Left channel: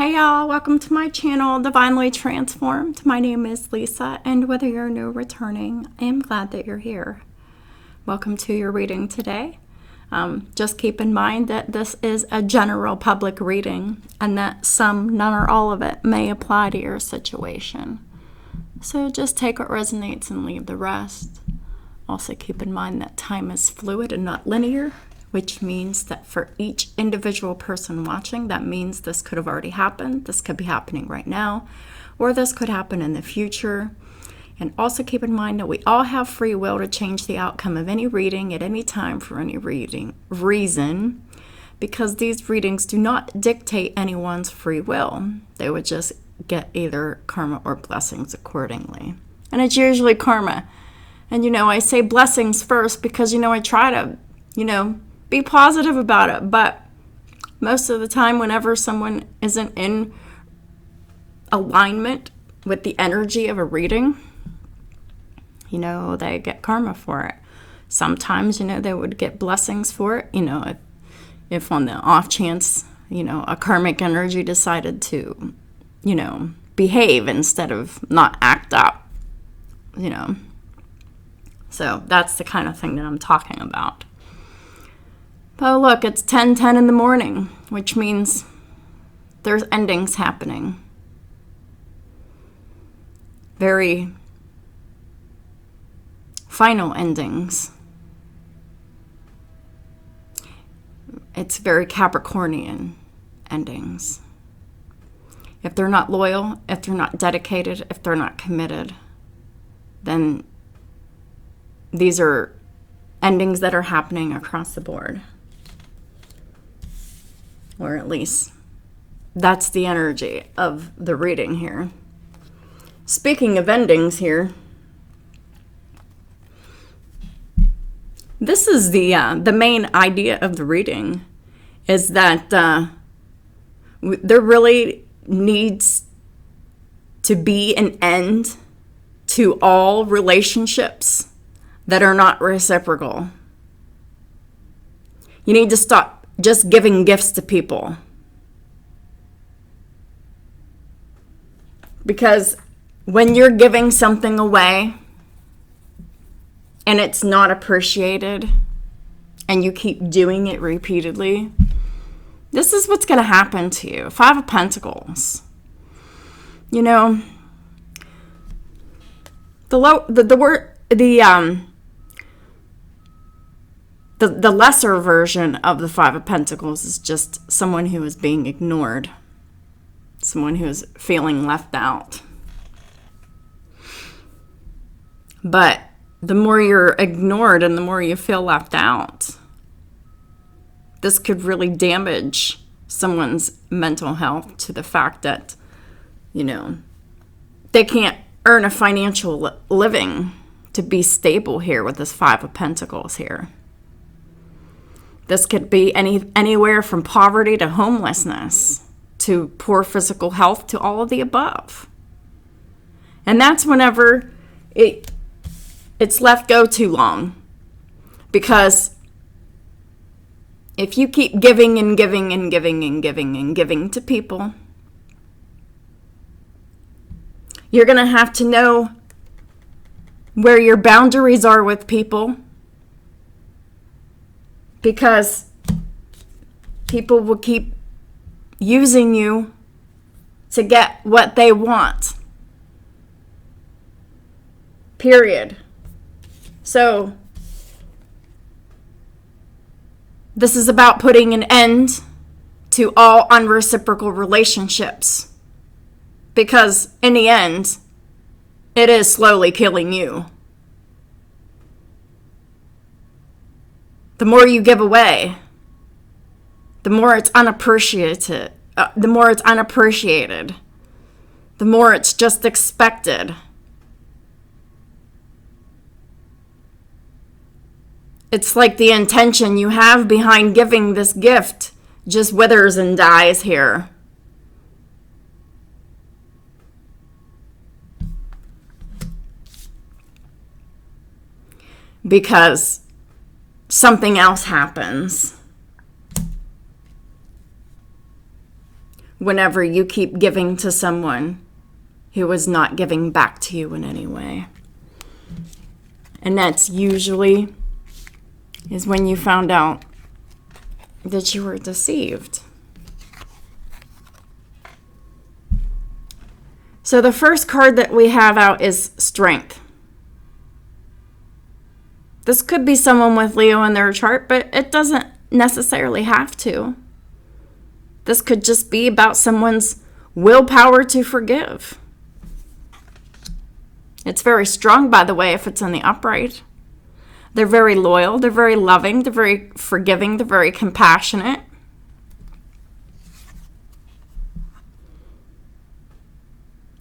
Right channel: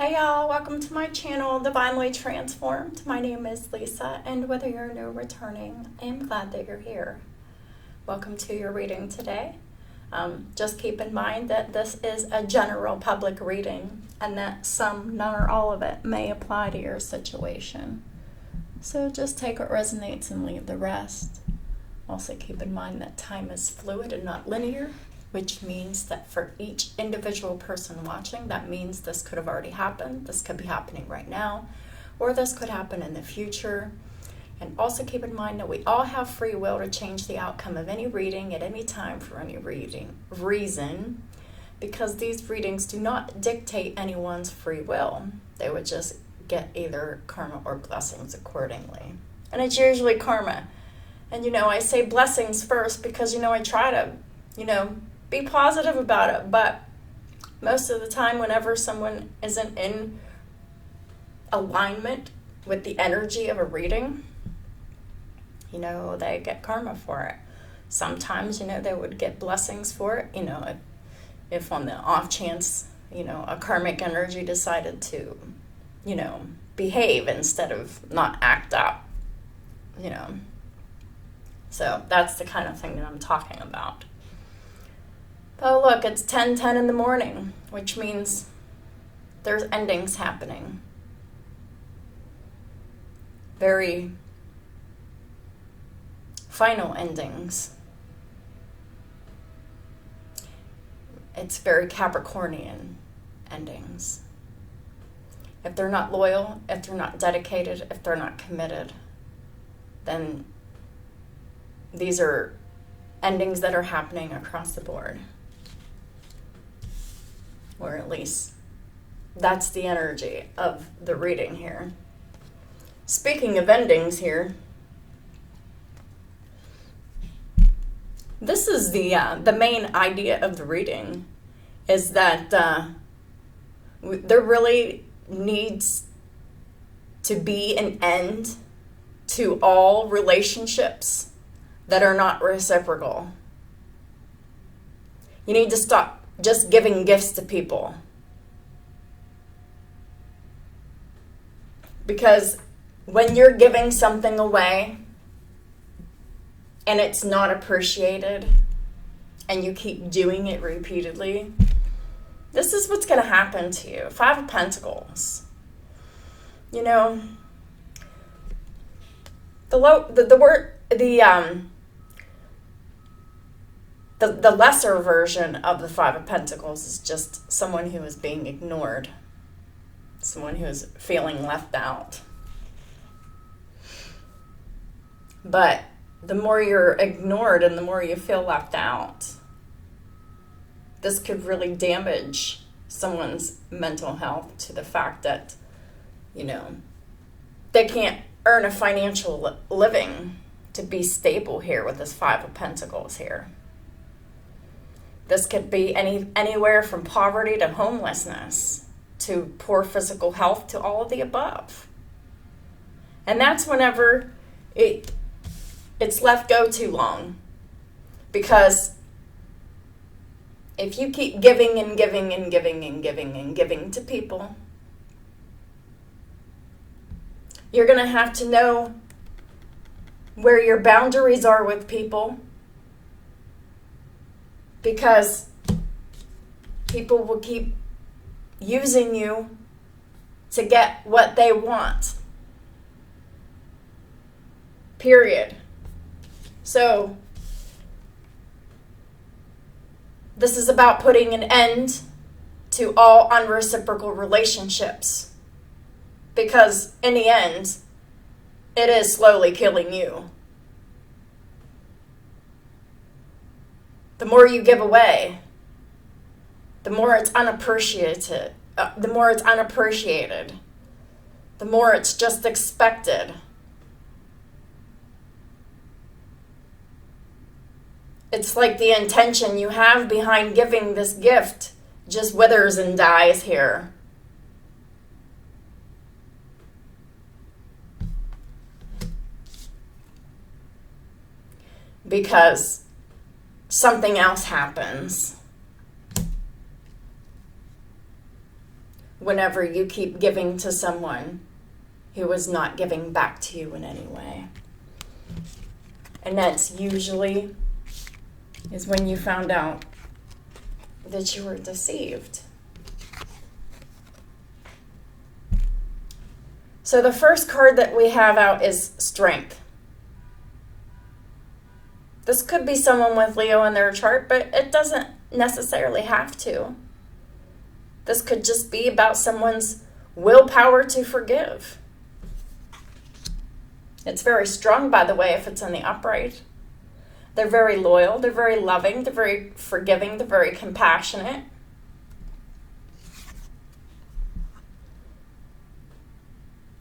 Hey y'all, welcome to my channel, Divinely Transformed. My name is Lisa, and whether you're new or returning, I am glad that you're here. Welcome to your reading today. Just keep in mind that this is a general public reading and that some, none or all of it may apply to your situation. So just take what resonates and leave the rest. Also keep in mind that time is fluid and not linear, which means that for each individual person watching, that means this could have already happened, this could be happening right now, or this could happen in the future. And also keep in mind that we all have free will to change the outcome of any reading at any time for any reason, because these readings do not dictate anyone's free will. They would just get either karma or blessings accordingly. And it's usually karma. And I say blessings first because I try to, be positive about it, but most of the time whenever someone isn't in alignment with the energy of a reading, they get karma for it. Sometimes, they would get blessings for it, if on the off chance, a karmic energy decided to, behave instead of not act up, So that's the kind of thing that I'm talking about. Oh, look, it's 10:10 in the morning, which means there's endings happening. Very final endings. It's very Capricornian endings. If they're not loyal, if they're not dedicated, if they're not committed, then these are endings that are happening across the board. Or at least that's the energy of the reading here. Speaking of endings here, this is the main idea of the reading, is that there really needs to be an end to all relationships that are not reciprocal. You need to stop just giving gifts to people. Because when you're giving something away and it's not appreciated and you keep doing it repeatedly, this is what's going to happen to you. Five of Pentacles. The lesser version of the Five of Pentacles is just someone who is being ignored. Someone who is feeling left out. But the more you're ignored and the more you feel left out, this could really damage someone's mental health to the fact that, they can't earn a financial living to be stable here with this Five of Pentacles here. This could be anywhere from poverty to homelessness to poor physical health to all of the above. And that's whenever it's left go too long. Because if you keep giving and giving and giving and giving and giving to people, you're going to have to know where your boundaries are with people. Because people will keep using you to get what they want. Period. So, this is about putting an end to all unreciprocal relationships. Because in the end, it is slowly killing you. The more you give away, the more it's unappreciated. The more it's just expected. It's like the intention you have behind giving this gift just withers and dies here. Because something else happens. whenever you keep giving to someone who is not giving back to you in any way. And that's usually is when you found out that you were deceived. So the first card that we have out is Strength. This could be someone with Leo in their chart, but it doesn't necessarily have to. This could just be about someone's willpower to forgive. It's very strong, by the way, if it's in the upright. They're very loyal, they're very loving, they're very forgiving, they're very compassionate.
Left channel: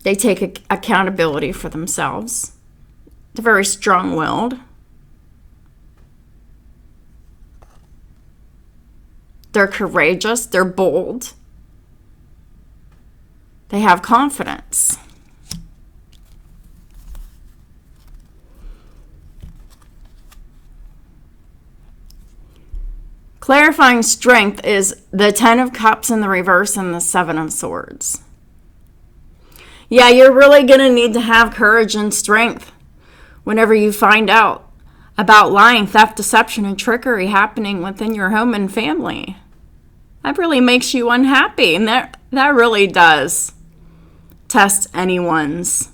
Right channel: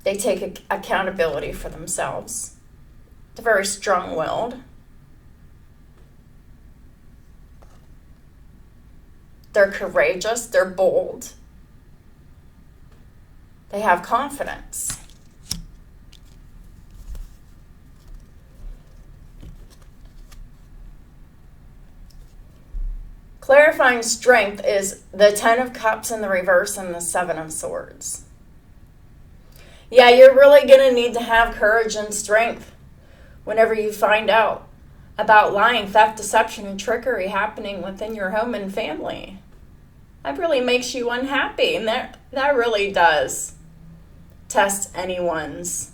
They take accountability for themselves. They're very strong-willed. They're courageous, they're bold. They have confidence. Clarifying strength is the 10 of Cups in the reverse and the 7 of Swords. Yeah, you're really going to need to have courage and strength whenever you find out about lying, theft, deception, and trickery happening within your home and family. That really makes you unhappy, and that really does test anyone's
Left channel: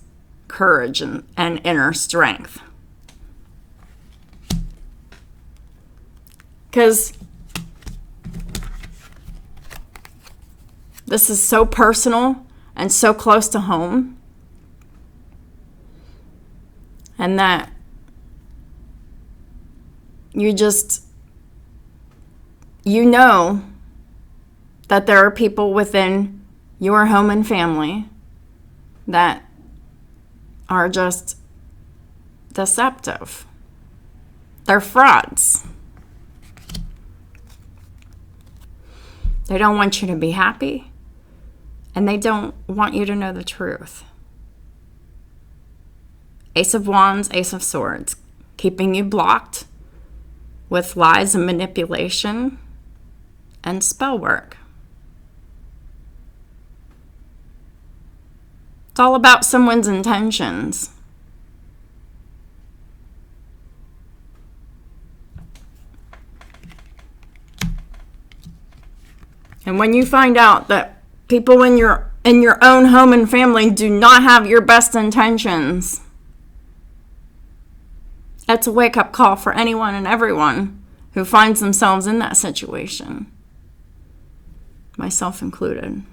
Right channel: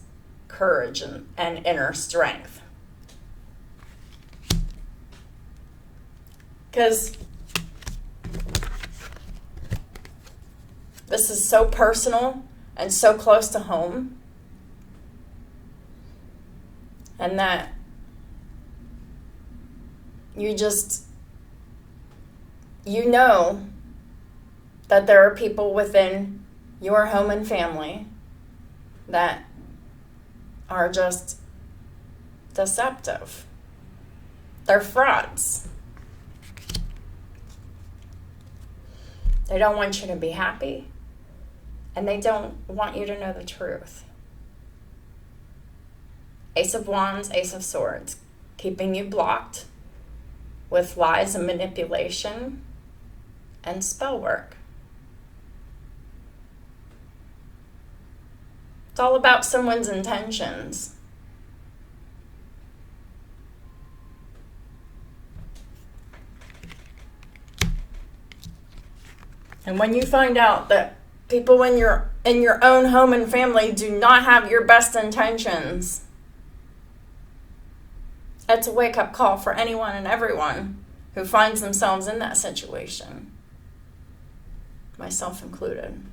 courage and inner strength. Because this is so personal and so close to home, and that you know that there are people within your home and family that are just deceptive. They're frauds. They don't want you to be happy, and they don't want you to know the truth. Ace of Wands, Ace of Swords, keeping you blocked with lies and manipulation and spell work. It's all about someone's intentions. And when you find out that people in your own home and family do not have your best intentions, that's a wake-up call for anyone and everyone who finds themselves in that situation, myself included.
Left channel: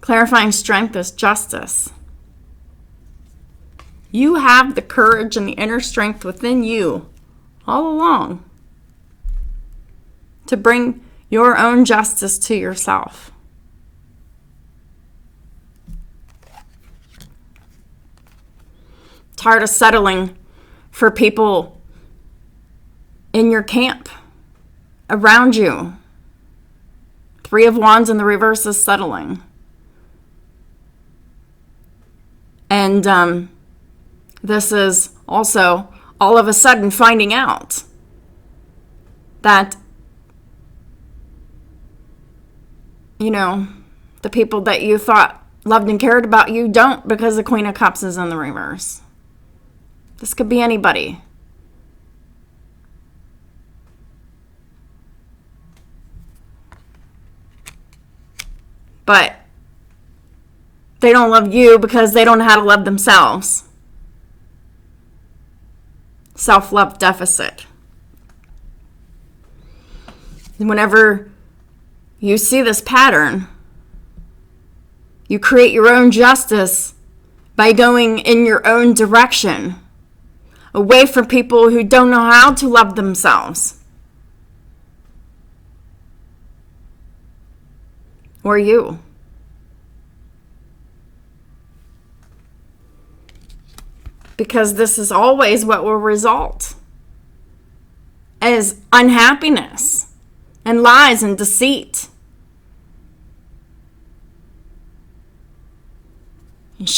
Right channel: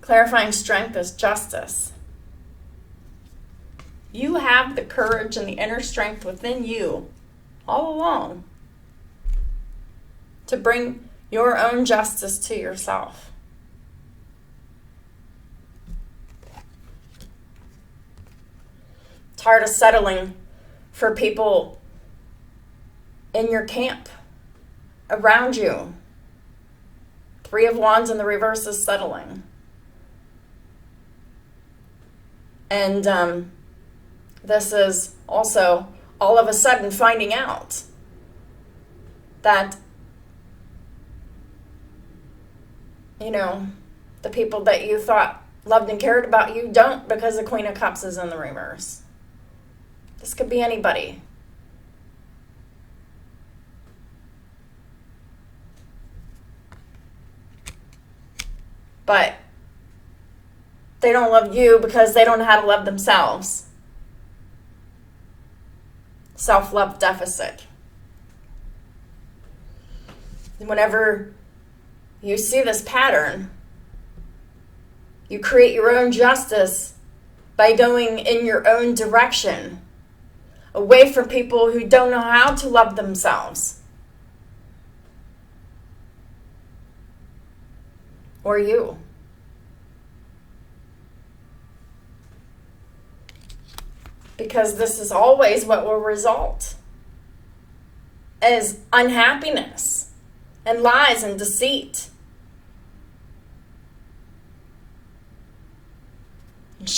Clarifying strength is justice. You have the courage and the inner strength within you all along to bring your own justice to yourself. Tired of settling for people in your camp, around you. 3 of Wands in the reverse is settling. And this is also all of a sudden finding out that, the people that you thought loved and cared about you don't, because the Queen of Cups is in the reverse. This could be anybody. But they don't love you because they don't know how to love themselves. Self-love deficit. And whenever you see this pattern, you create your own justice by going in your own direction, away from people who don't know how to love themselves. Or you. Because this is always what will result as unhappiness and lies and deceit.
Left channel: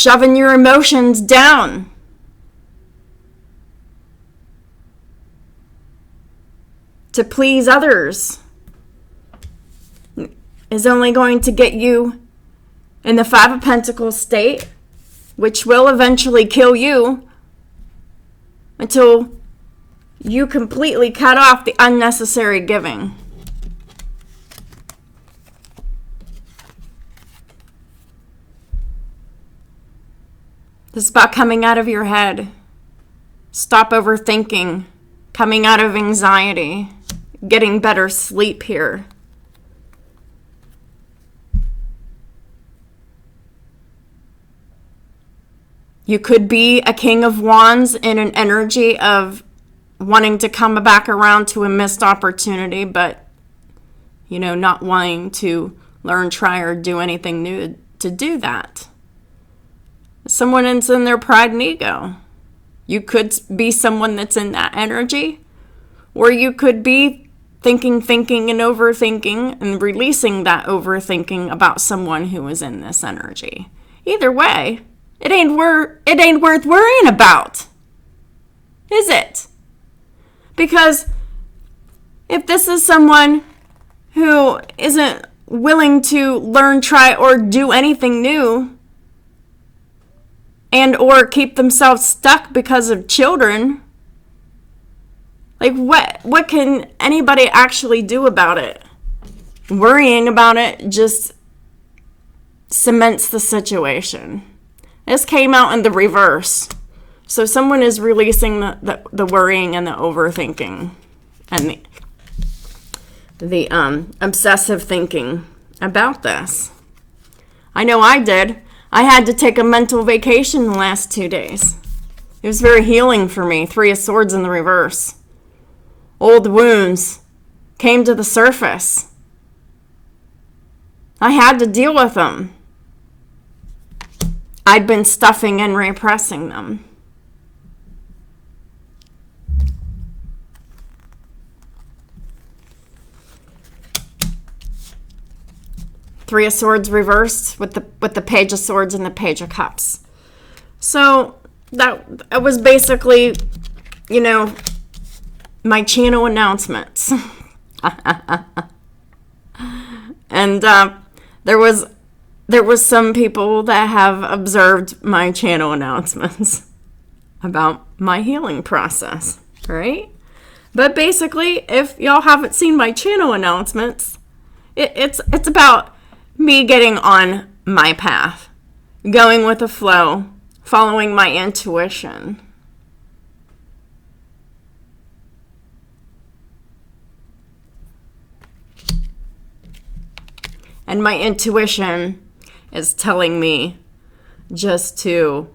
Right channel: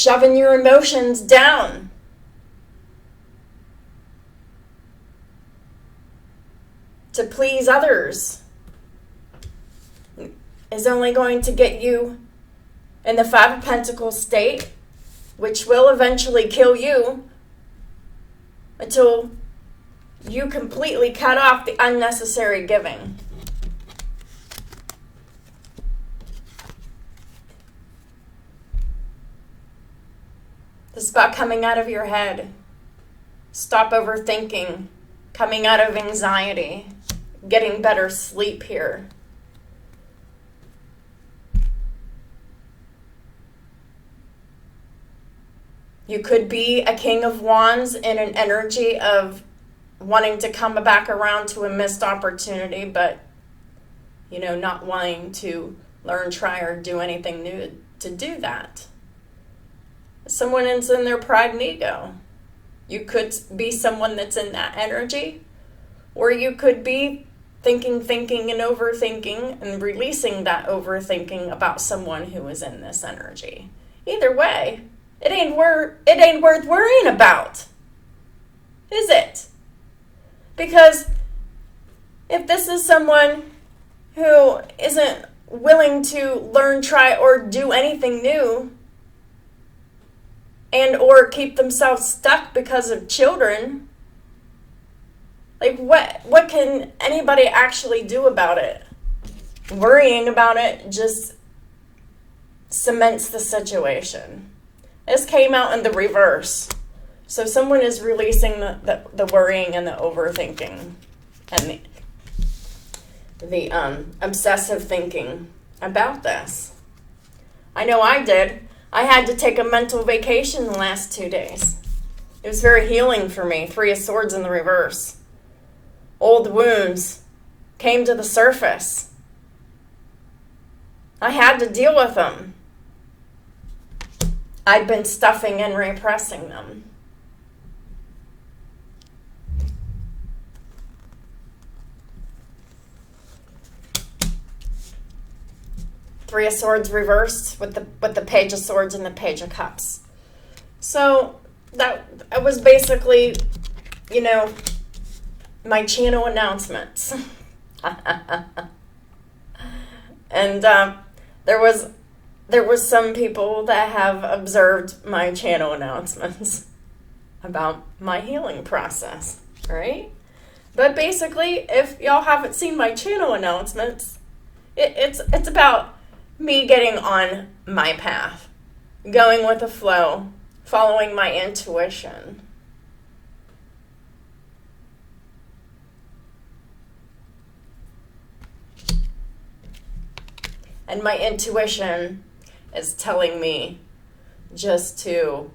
shoving your emotions down. To please others is only going to get you in the Five of Pentacles state, which will eventually kill you until you completely cut off the unnecessary giving. This is about coming out of your head. Stop overthinking, coming out of anxiety, getting better sleep here. You could be a King of Wands in an energy of wanting to come back around to a missed opportunity, but, not wanting to learn, try, or do anything new to do that. Someone that's in their pride and ego. You could be someone that's in that energy, or you could be thinking, and overthinking, and releasing that overthinking about someone who is in this energy. Either way, it ain't worth worrying about, is it? Because if this is someone who isn't willing to learn, try, or do anything new, and or keep themselves stuck because of children, like what can anybody actually do about it? Worrying about it just cements the situation. This came out in the reverse. So someone is releasing the worrying and the overthinking and the obsessive thinking about this. I know I did. I had to take a mental vacation the last 2 days. It was very healing for me. 3 of Swords in the reverse. Old wounds came to the surface. I had to deal with them. I'd been stuffing and repressing them. Three of Swords reversed with the Page of Swords and the Page of Cups. So that was basically, my channel announcements. And there was some people that have observed my channel announcements about my healing process, right? But basically, if y'all haven't seen my channel announcements, it's about me getting on my path, going with the flow, following my intuition. And my intuition is telling me just to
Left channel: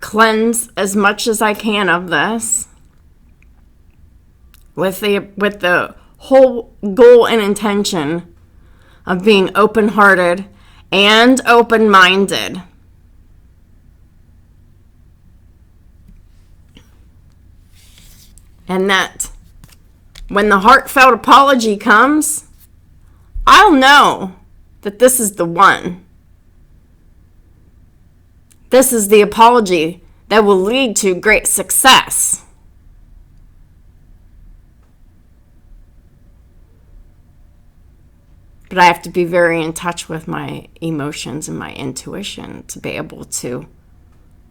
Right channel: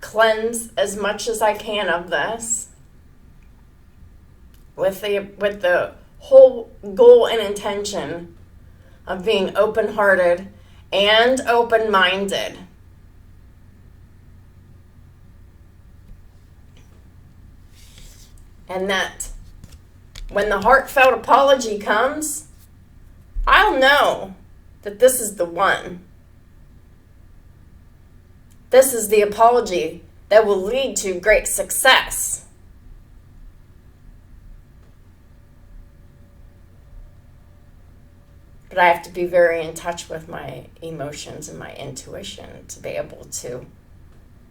cleanse as much as I can of this with the whole goal and intention of being open-hearted and open-minded. And that when the heartfelt apology comes, I'll know that this is the one. This is the apology that will lead to great success. But I have to be very in touch with my emotions and my intuition to be able to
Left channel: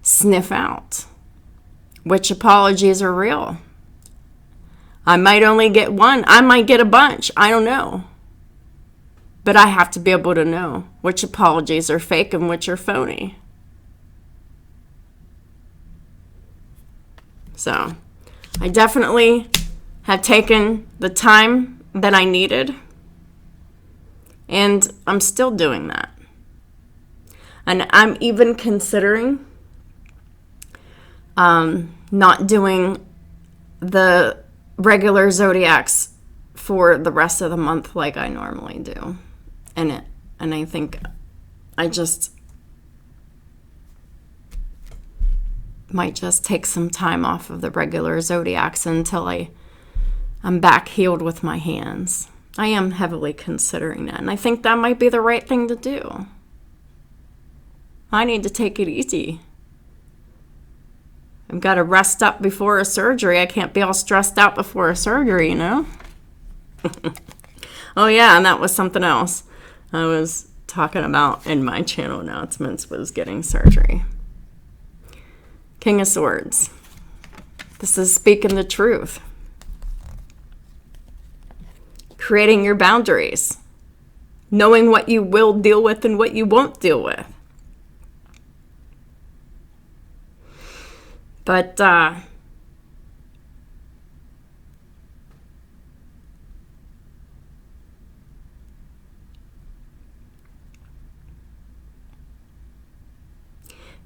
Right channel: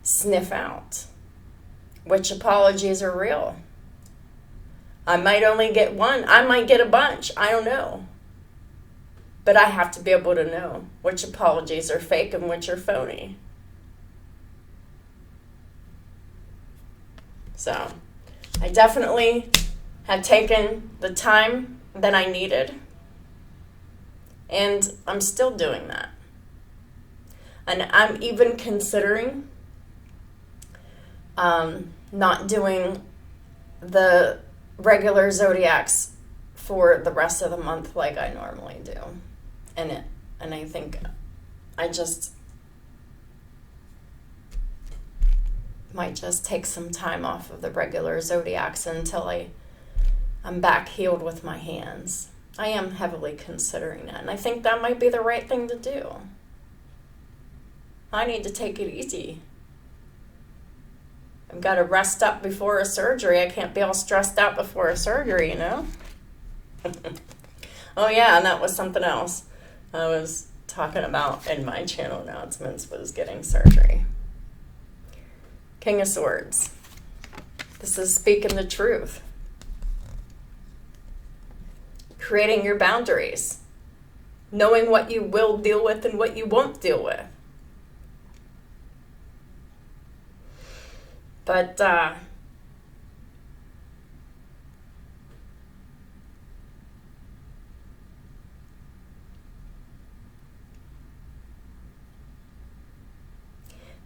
sniff out which apologies are real. I might only get one. I might get a bunch. I don't know. But I have to be able to know which apologies are fake and which are phony. So I definitely have taken the time that I needed. And I'm still doing that. And I'm even considering not doing the regular zodiacs for the rest of the month like I normally do. And I think I just might just take some time off of the regular zodiacs until I'm back healed with my hands. I am heavily considering that, and I think that might be the right thing to do. I need to take it easy. I've got to rest up before a surgery. I can't be all stressed out before a surgery, you know? Oh yeah, and that was something else I was talking about in my channel announcements, was getting surgery. King of Swords. This is speaking the truth. Creating your boundaries. Knowing what you will deal with and what you won't deal with. But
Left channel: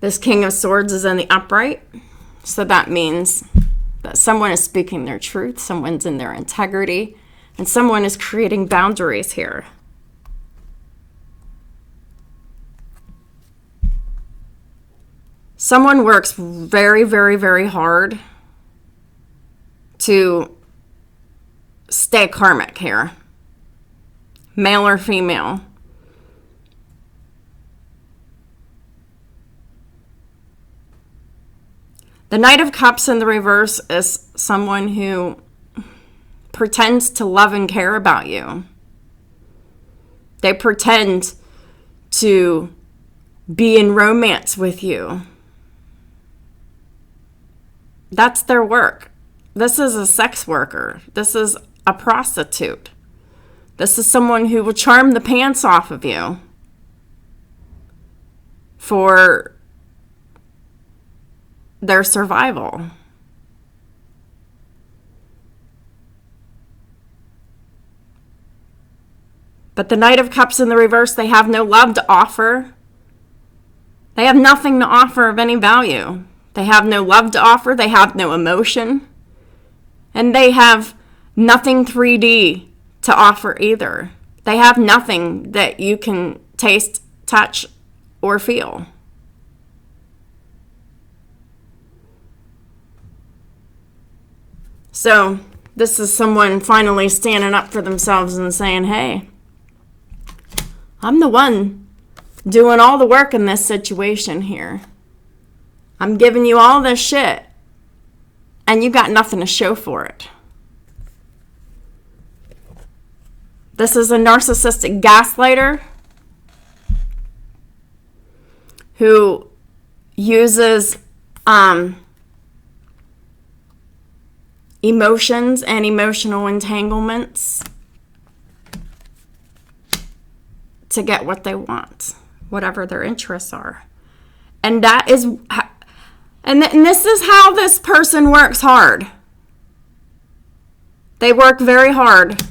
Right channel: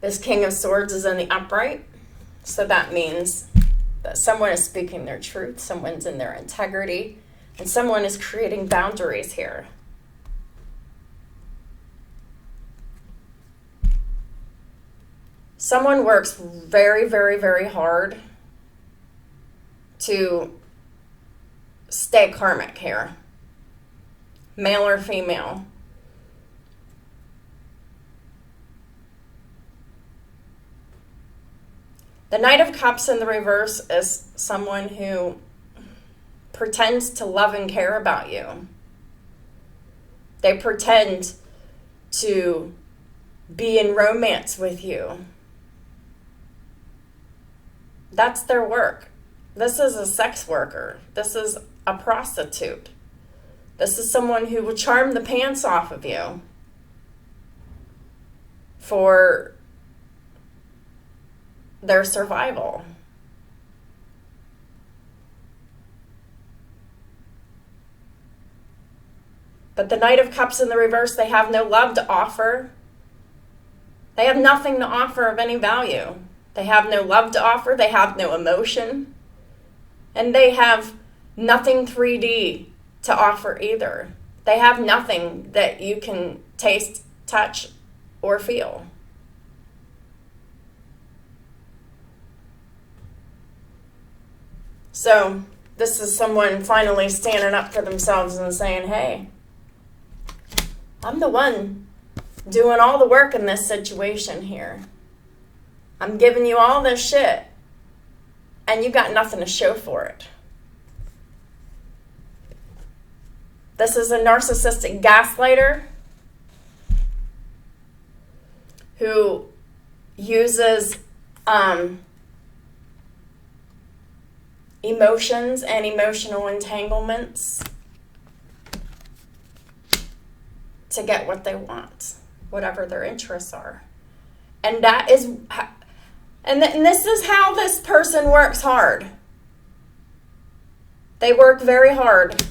this King of Swords is in the upright. So that means that someone is speaking their truth, someone's in their integrity, and someone is creating boundaries here. Someone works very, very, very hard to stay karmic here. Male or female. The Knight of Cups in the reverse is someone who pretends to love and care about you. They pretend to be in romance with you. That's their work. This is a sex worker. This is a prostitute. This is someone who will charm the pants off of you for their survival. But the Knight of Cups in the reverse, they have no love to offer. They have nothing to offer of any value. They have no love to offer. They have no emotion. And they have nothing 3D to offer either. They have nothing that you can taste, touch, or feel. So this is someone finally standing up for themselves and saying, hey, I'm the one doing all the work in this situation here. I'm giving you all this shit, and you got nothing to show for it. This is a narcissistic gaslighter who uses emotions and emotional entanglements to get what they want, whatever their interests are. And that is, and this is how this person works hard. They work very hard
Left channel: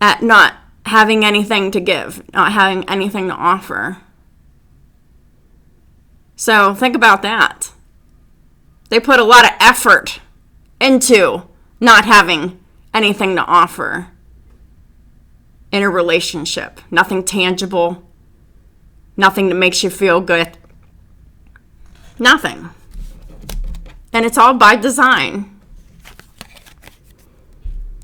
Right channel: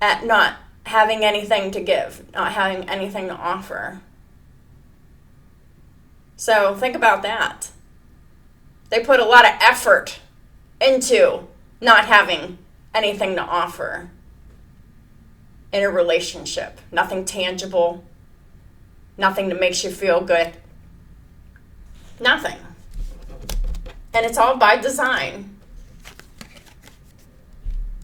at not having anything to give, not having anything to offer. So think about that. They put a lot of effort into not having anything to offer in a relationship. Nothing tangible. Nothing that makes you feel good. Nothing. And it's all by design.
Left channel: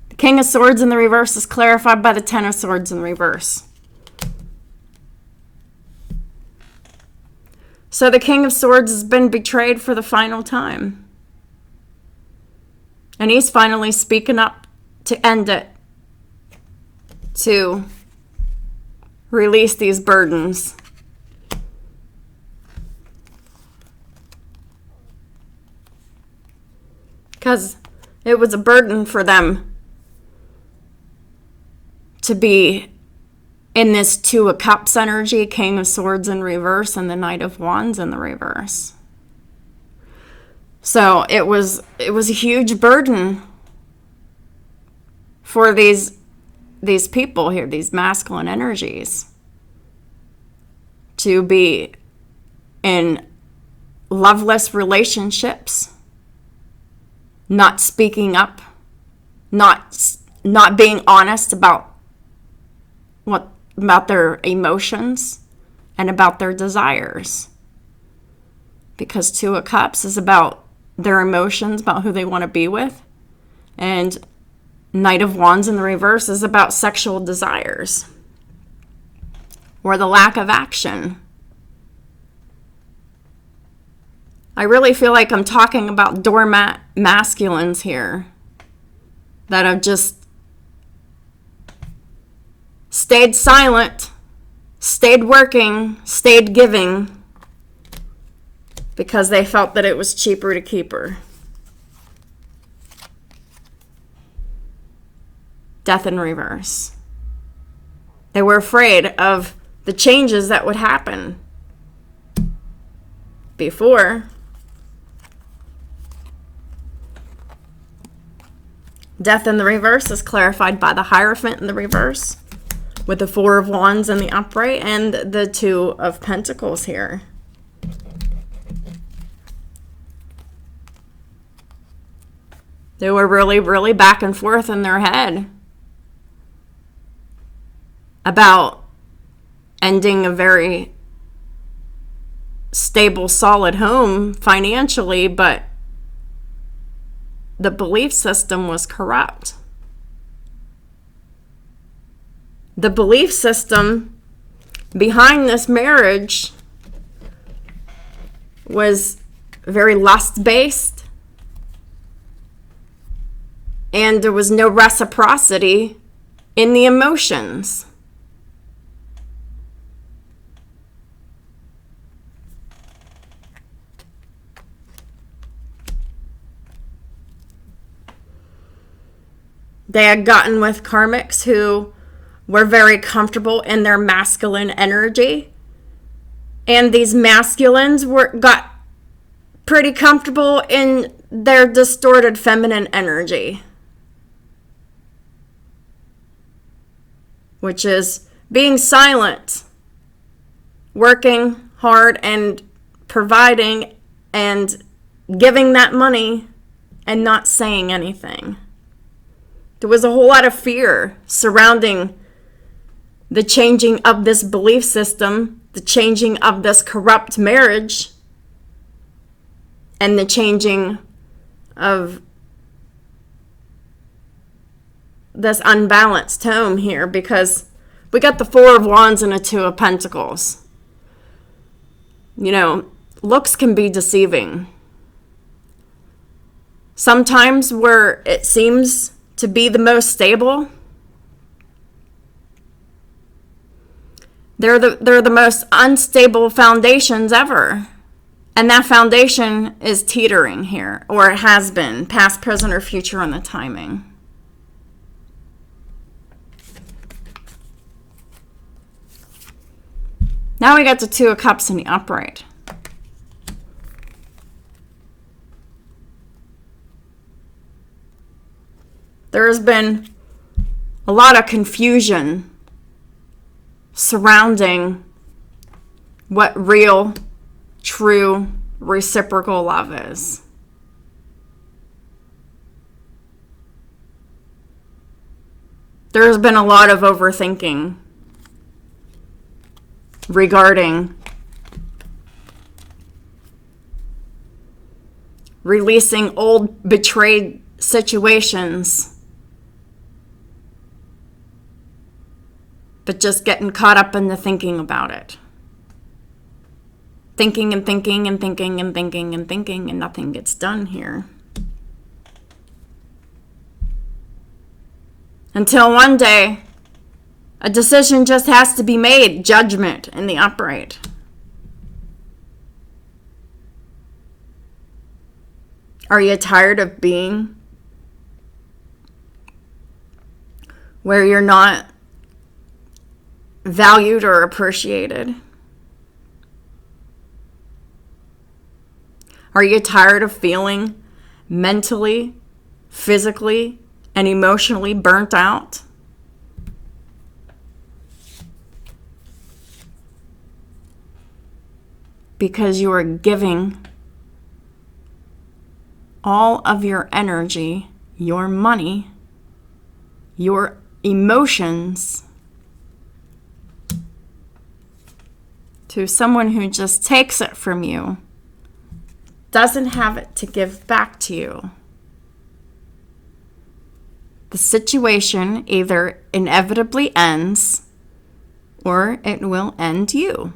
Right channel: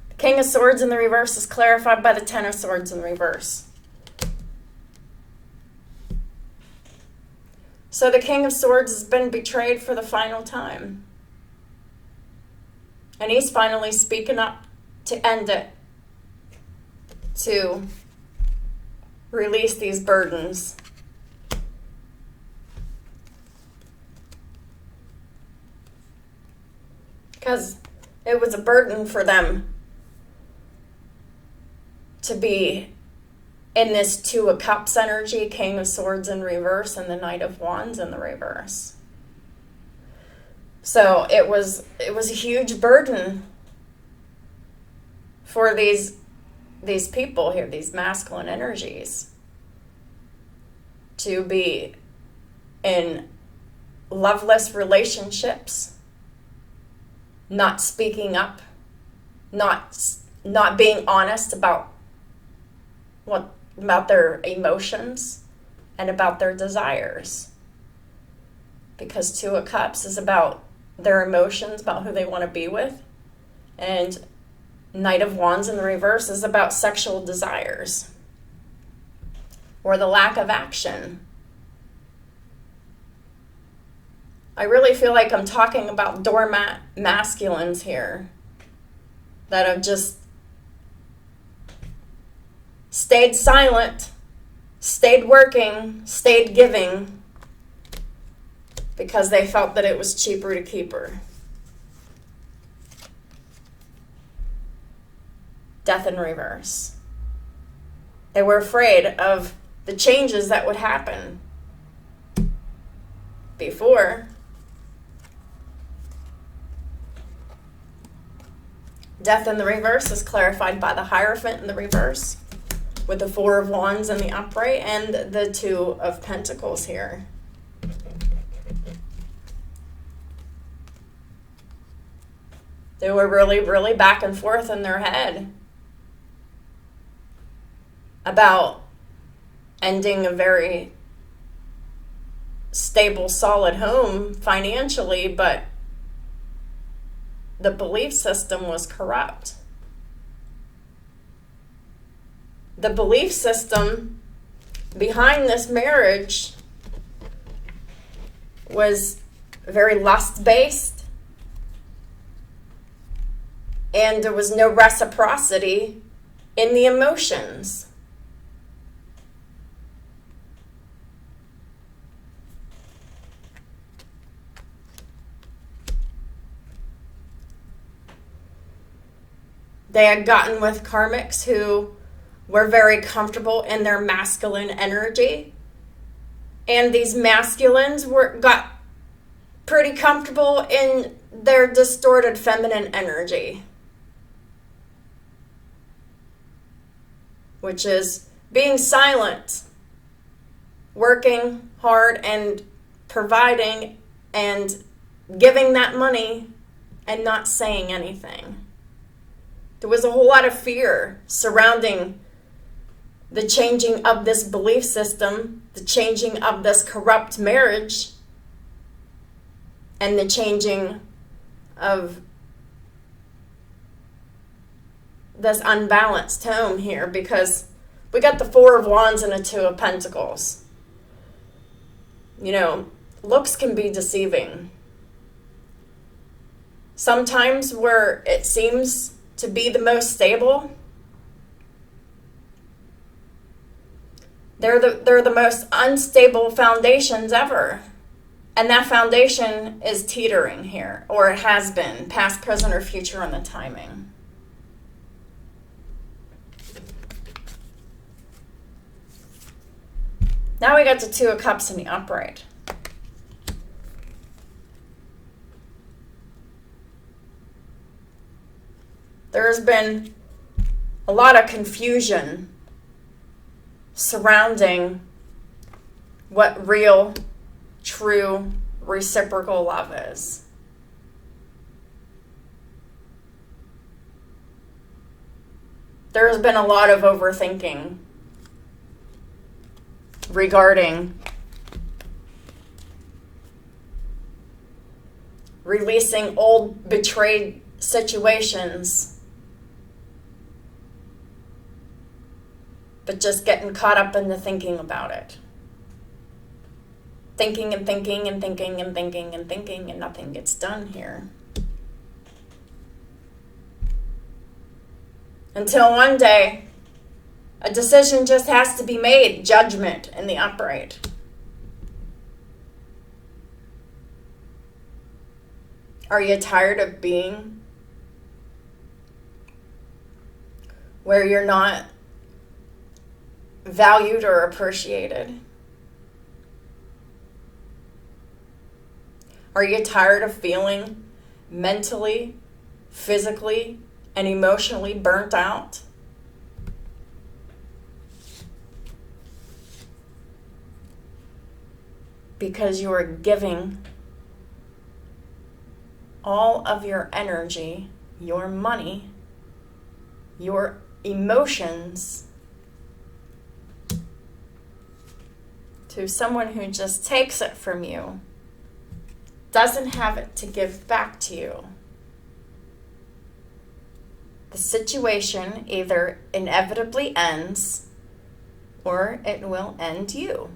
The King of Swords in the reverse is clarified by the Ten of Swords in the reverse. So the King of Swords has been betrayed for the final time. And he's finally speaking up to end it. To release these burdens. Because it was a burden for them to be in this Two of Cups energy, King of Swords in reverse, and the Knight of Wands in the reverse. So it was a huge burden for these people here, these masculine energies, to be in loveless relationships, not speaking up, not being honest about their emotions and about their desires. Because Two of Cups is about their emotions, about who they want to be with, and Knight of Wands in the reverse is about sexual desires or the lack of action. I really feel like I'm talking about doormat masculines here that have just stayed silent, stayed working, stayed giving because they felt that it was cheaper to keep her. Death in reverse. They were afraid of the changes that would happen before. Death in the reverse is clarified by the Hierophant in the reverse with the Four of Wands in the upright and the Two of Pentacles here. They were really, really back and forth in their head about ending a very stable, solid home financially, but the belief system was corrupt. The belief system behind this marriage was very lust-based, and there was no reciprocity in the emotions. They had gotten with karmics who were very comfortable in their masculine energy. And these masculines got pretty comfortable in their distorted feminine energy, which is being silent, working hard and providing and giving that money and not saying anything. There was a whole lot of fear surrounding the changing of this belief system, the changing of this corrupt marriage, and the changing of this unbalanced home here, because we got the Four of Wands and a Two of Pentacles. You know, looks can be deceiving. Sometimes where it seems to be the most stable, they're the most unstable foundations ever. And that foundation is teetering here, or it has been, past, present, or future on the timing. Now we got the Two of Cups in the upright. There has been a lot of confusion surrounding what real, true, reciprocal love is. There has been a lot of overthinking regarding releasing old betrayed situations, but just getting caught up in the thinking about it. Thinking and thinking and thinking and thinking and thinking, and nothing gets done here. Until one day, a decision just has to be made. Judgment in the upright. Are you tired of being where you're not valued or appreciated? Are you tired of feeling mentally, physically, and emotionally burnt out? Because you are giving all of your energy, your money, your emotions to someone who just takes it from you, doesn't have it to give back to you. the situation either inevitably ends or it will end you.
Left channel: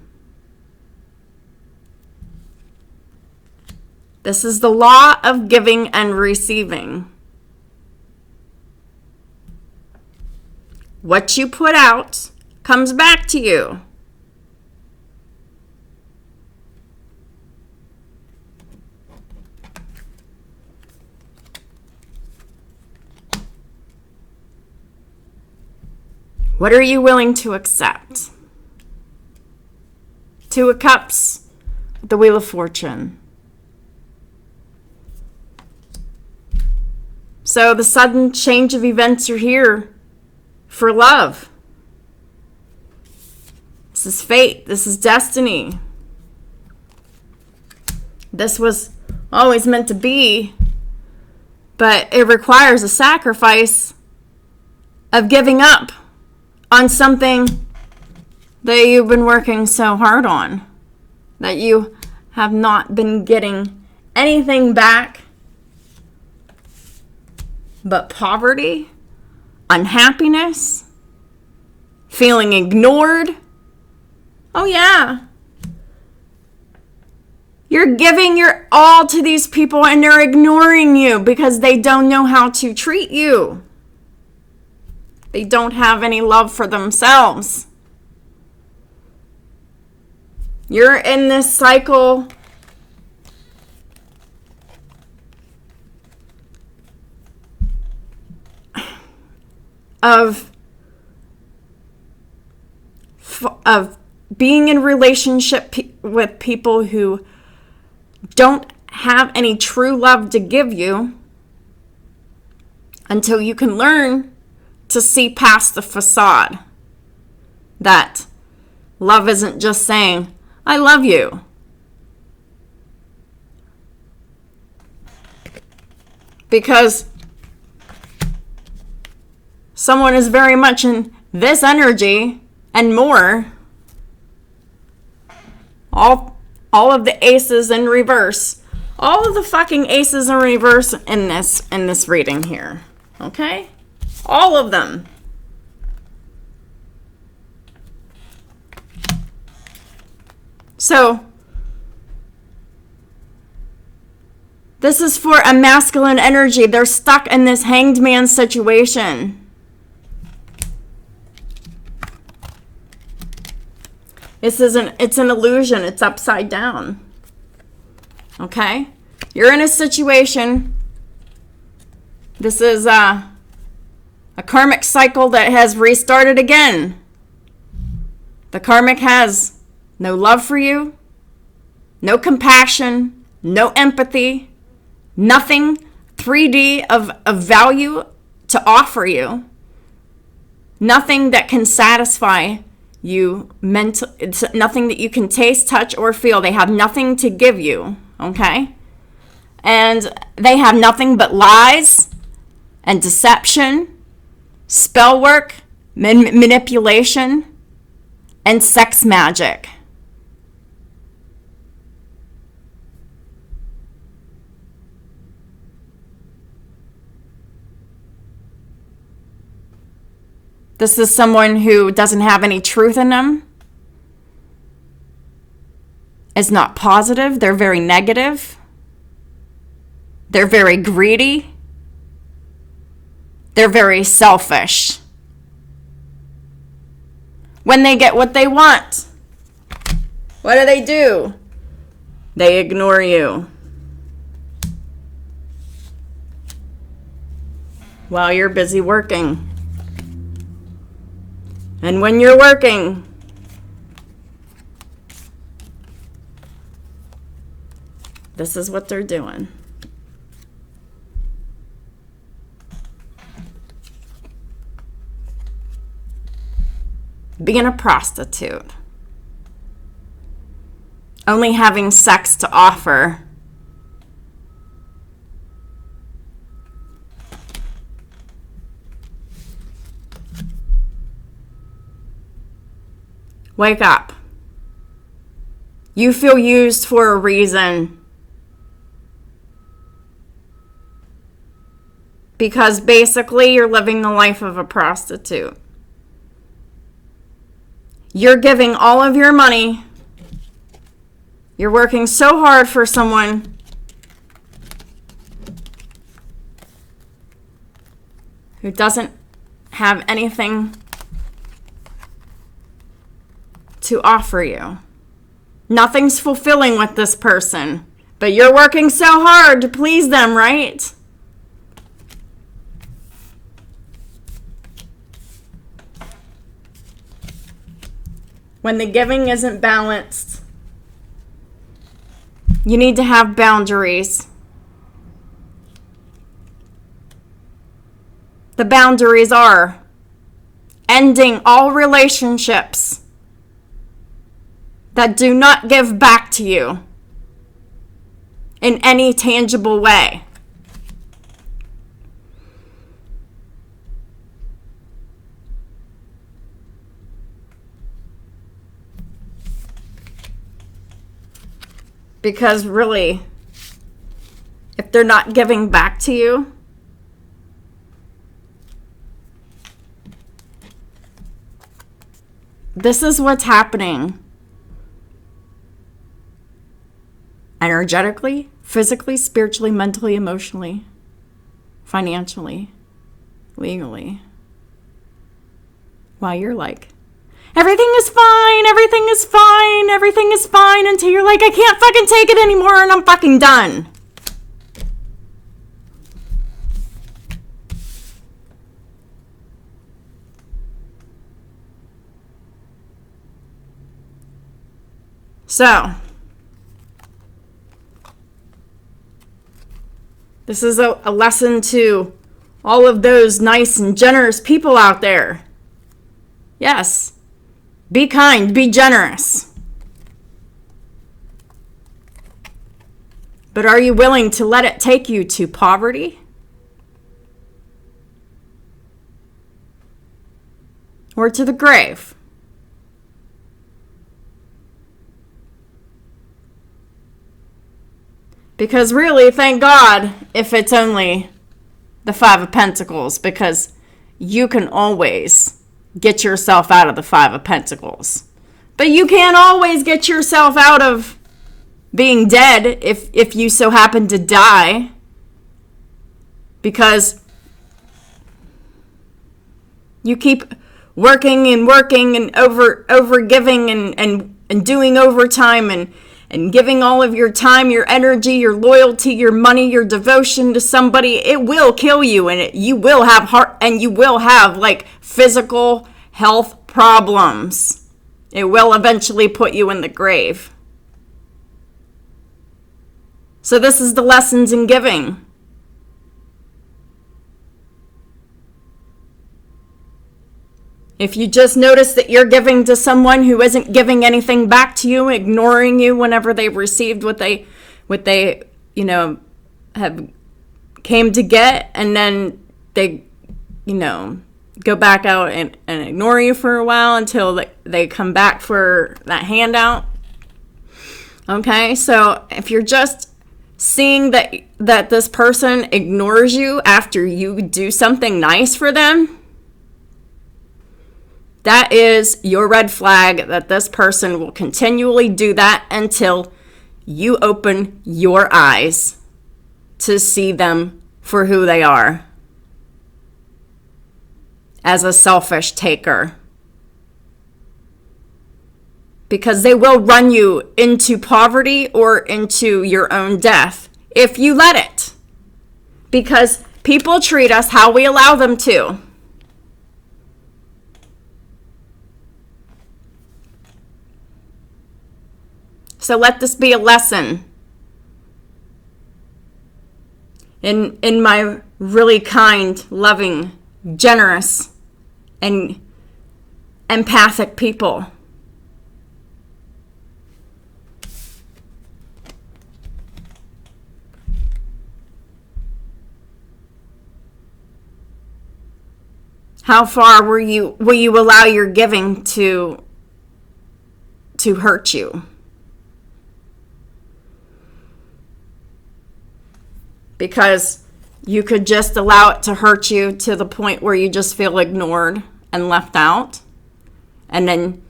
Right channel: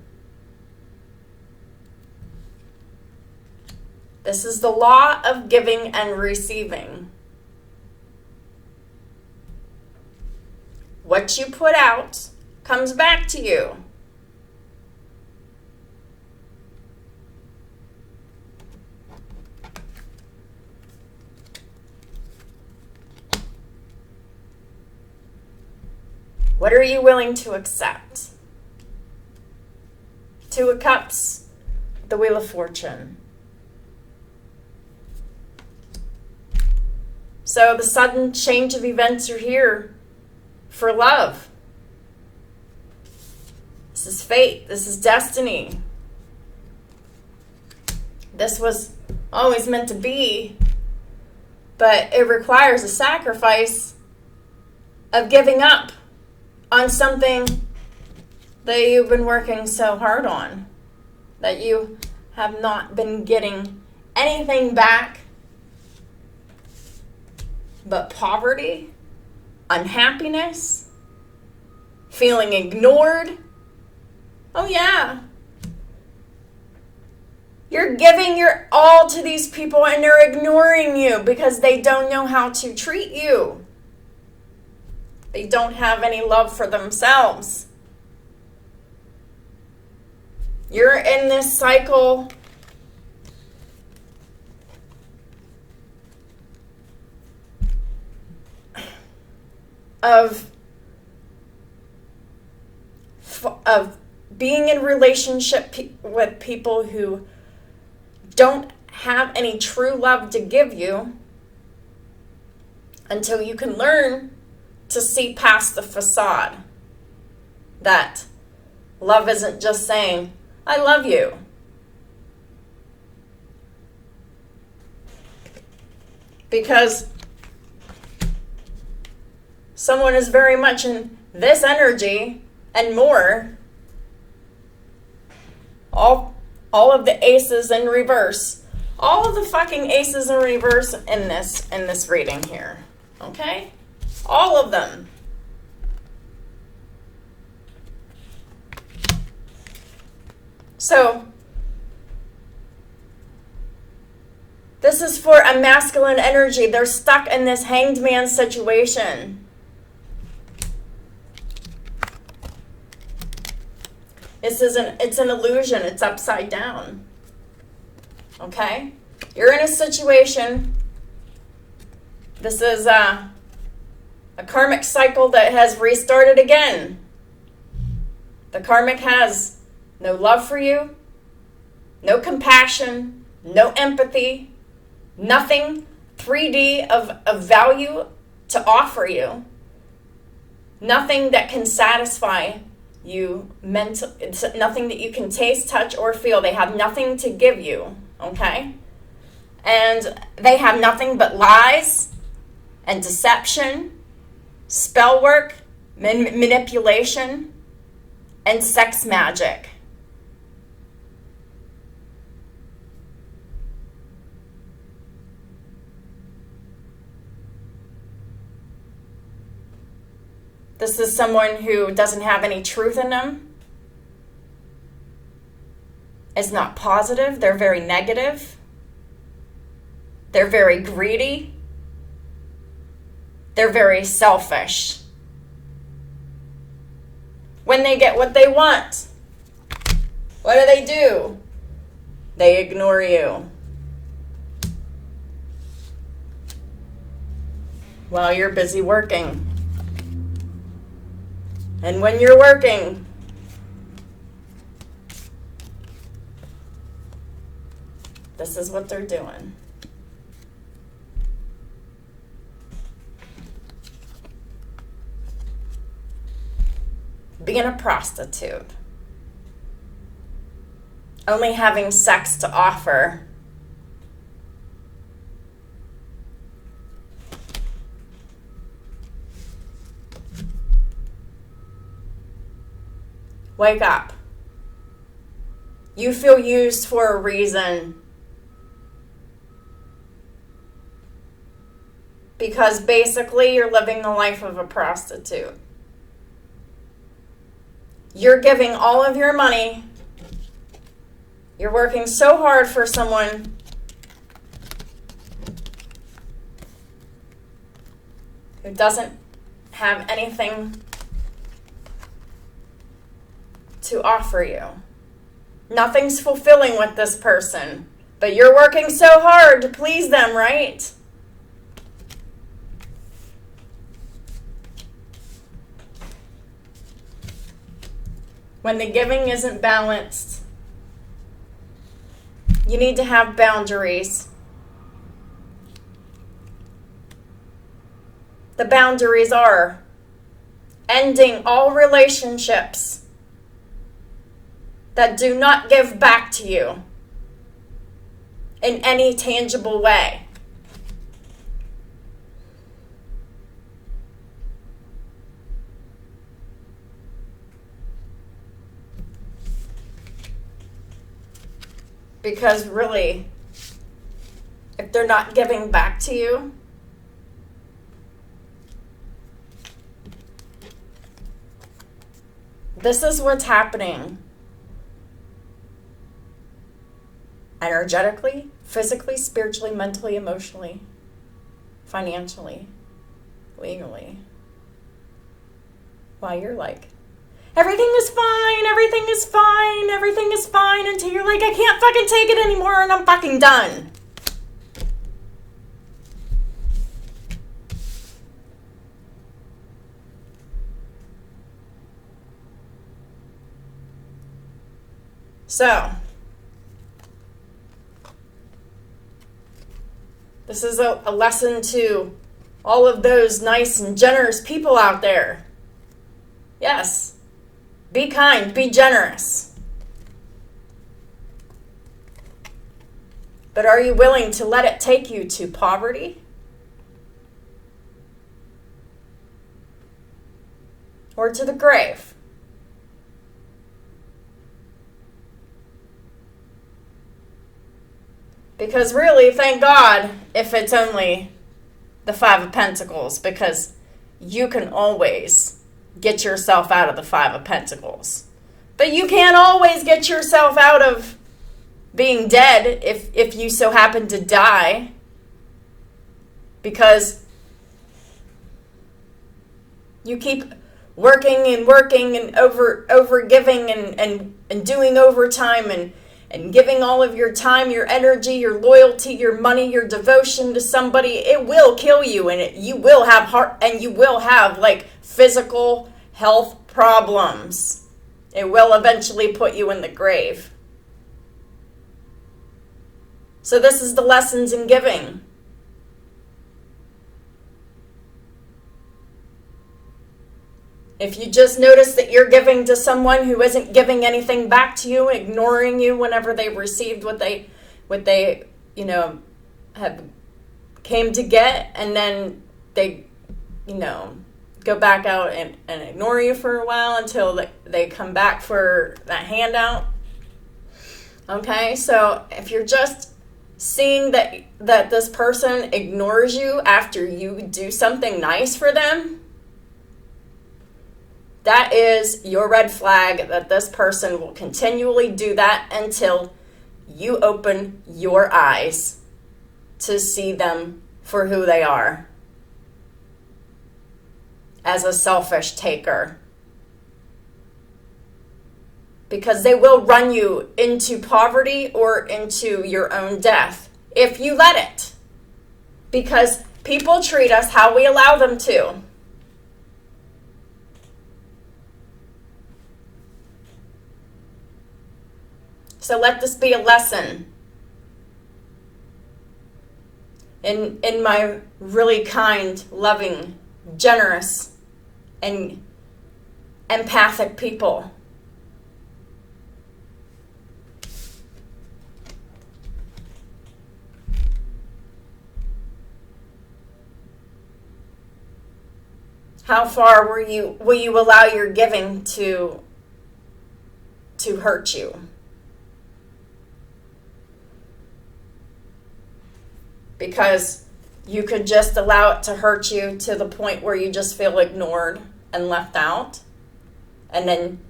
This is the law of giving and receiving. What you put out comes back to you. What are you willing to accept? Two of Cups, the Wheel of Fortune. So the sudden change of events are here for love. This is fate. This is destiny. This was always meant to be, but it requires a sacrifice of giving up on something that you've been working so hard on, that you have not been getting anything back but poverty, unhappiness, feeling ignored. Oh yeah. You're giving your all to these people and they're ignoring you because they don't know how to treat you. They don't have any love for themselves. You're in this cycle of being in relationship with people who don't have any true love to give you until you can learn to see past the facade. That love isn't just saying, I love you. Because someone is very much in this energy and more. All of the aces in reverse. All of the fucking aces in reverse in this reading here. Okay? All of them. So, this is for a masculine energy. They're stuck in this hanged man situation. It's an illusion. It's upside down. Okay? You're in a situation. This is a karmic cycle that has restarted again. The karmic has no love for you, no compassion, no empathy, nothing 3D of value to offer you, nothing that can satisfy you it's nothing that you can taste, touch, or feel. They have nothing to give you, okay? And they have nothing but lies and deception, spell work, manipulation, and sex magic. This is someone who doesn't have any truth in them, is not positive. They're very negative. They're very greedy. They're very selfish. When they get what they want, what do? They ignore you. While you're busy working. And when you're working, this is what they're doing. Being a prostitute. Only having sex to offer. Wake up. You feel used for a reason. Because basically you're living the life of a prostitute. You're giving all of your money. You're working so hard for someone who doesn't have anything to offer you. Nothing's fulfilling with this person, but you're working so hard to please them, right? When the giving isn't balanced, you need to have boundaries. The boundaries are ending all relationships that do not give back to you in any tangible way. Because really, if they're not giving back to you, this is what's happening. Energetically, physically, spiritually, mentally, emotionally, financially, legally. While you're like, everything is fine, everything is fine, everything is fine, until you're like, I can't fucking take it anymore and I'm fucking done. So, this is a lesson to all of those nice and generous people out there. Yes. Be kind, be generous. But are you willing to let it take you to poverty? Or to the grave? Because really, thank God if it's only the Five of Pentacles, because you can always get yourself out of the Five of Pentacles. But you can't always get yourself out of being dead if you so happen to die. Because you keep working and over giving and doing overtime and giving all of your time, your energy, your loyalty, your money, your devotion to somebody. It will kill you, and you will have heart, and you will have like physical health problems. It will eventually put you in the grave. So this is the lessons in giving. If you just notice that you're giving to someone who isn't giving anything back to you, ignoring you whenever they've received what they have came to get, and then they, go back out and ignore you for a while until they come back for that handout. Okay, so if you're just seeing that this person ignores you after you do something nice for them, that is your red flag that this person will continually do that until you open your eyes to see them for who they are, as a selfish taker. Because they will run you into poverty or into your own death if you let it. Because people treat us how we allow them to. So let this be a lesson. In my really kind, loving, generous, and empathic people. How far will you allow your giving to hurt you? Because you could just allow it to hurt you to the point where you just feel ignored and left out. And then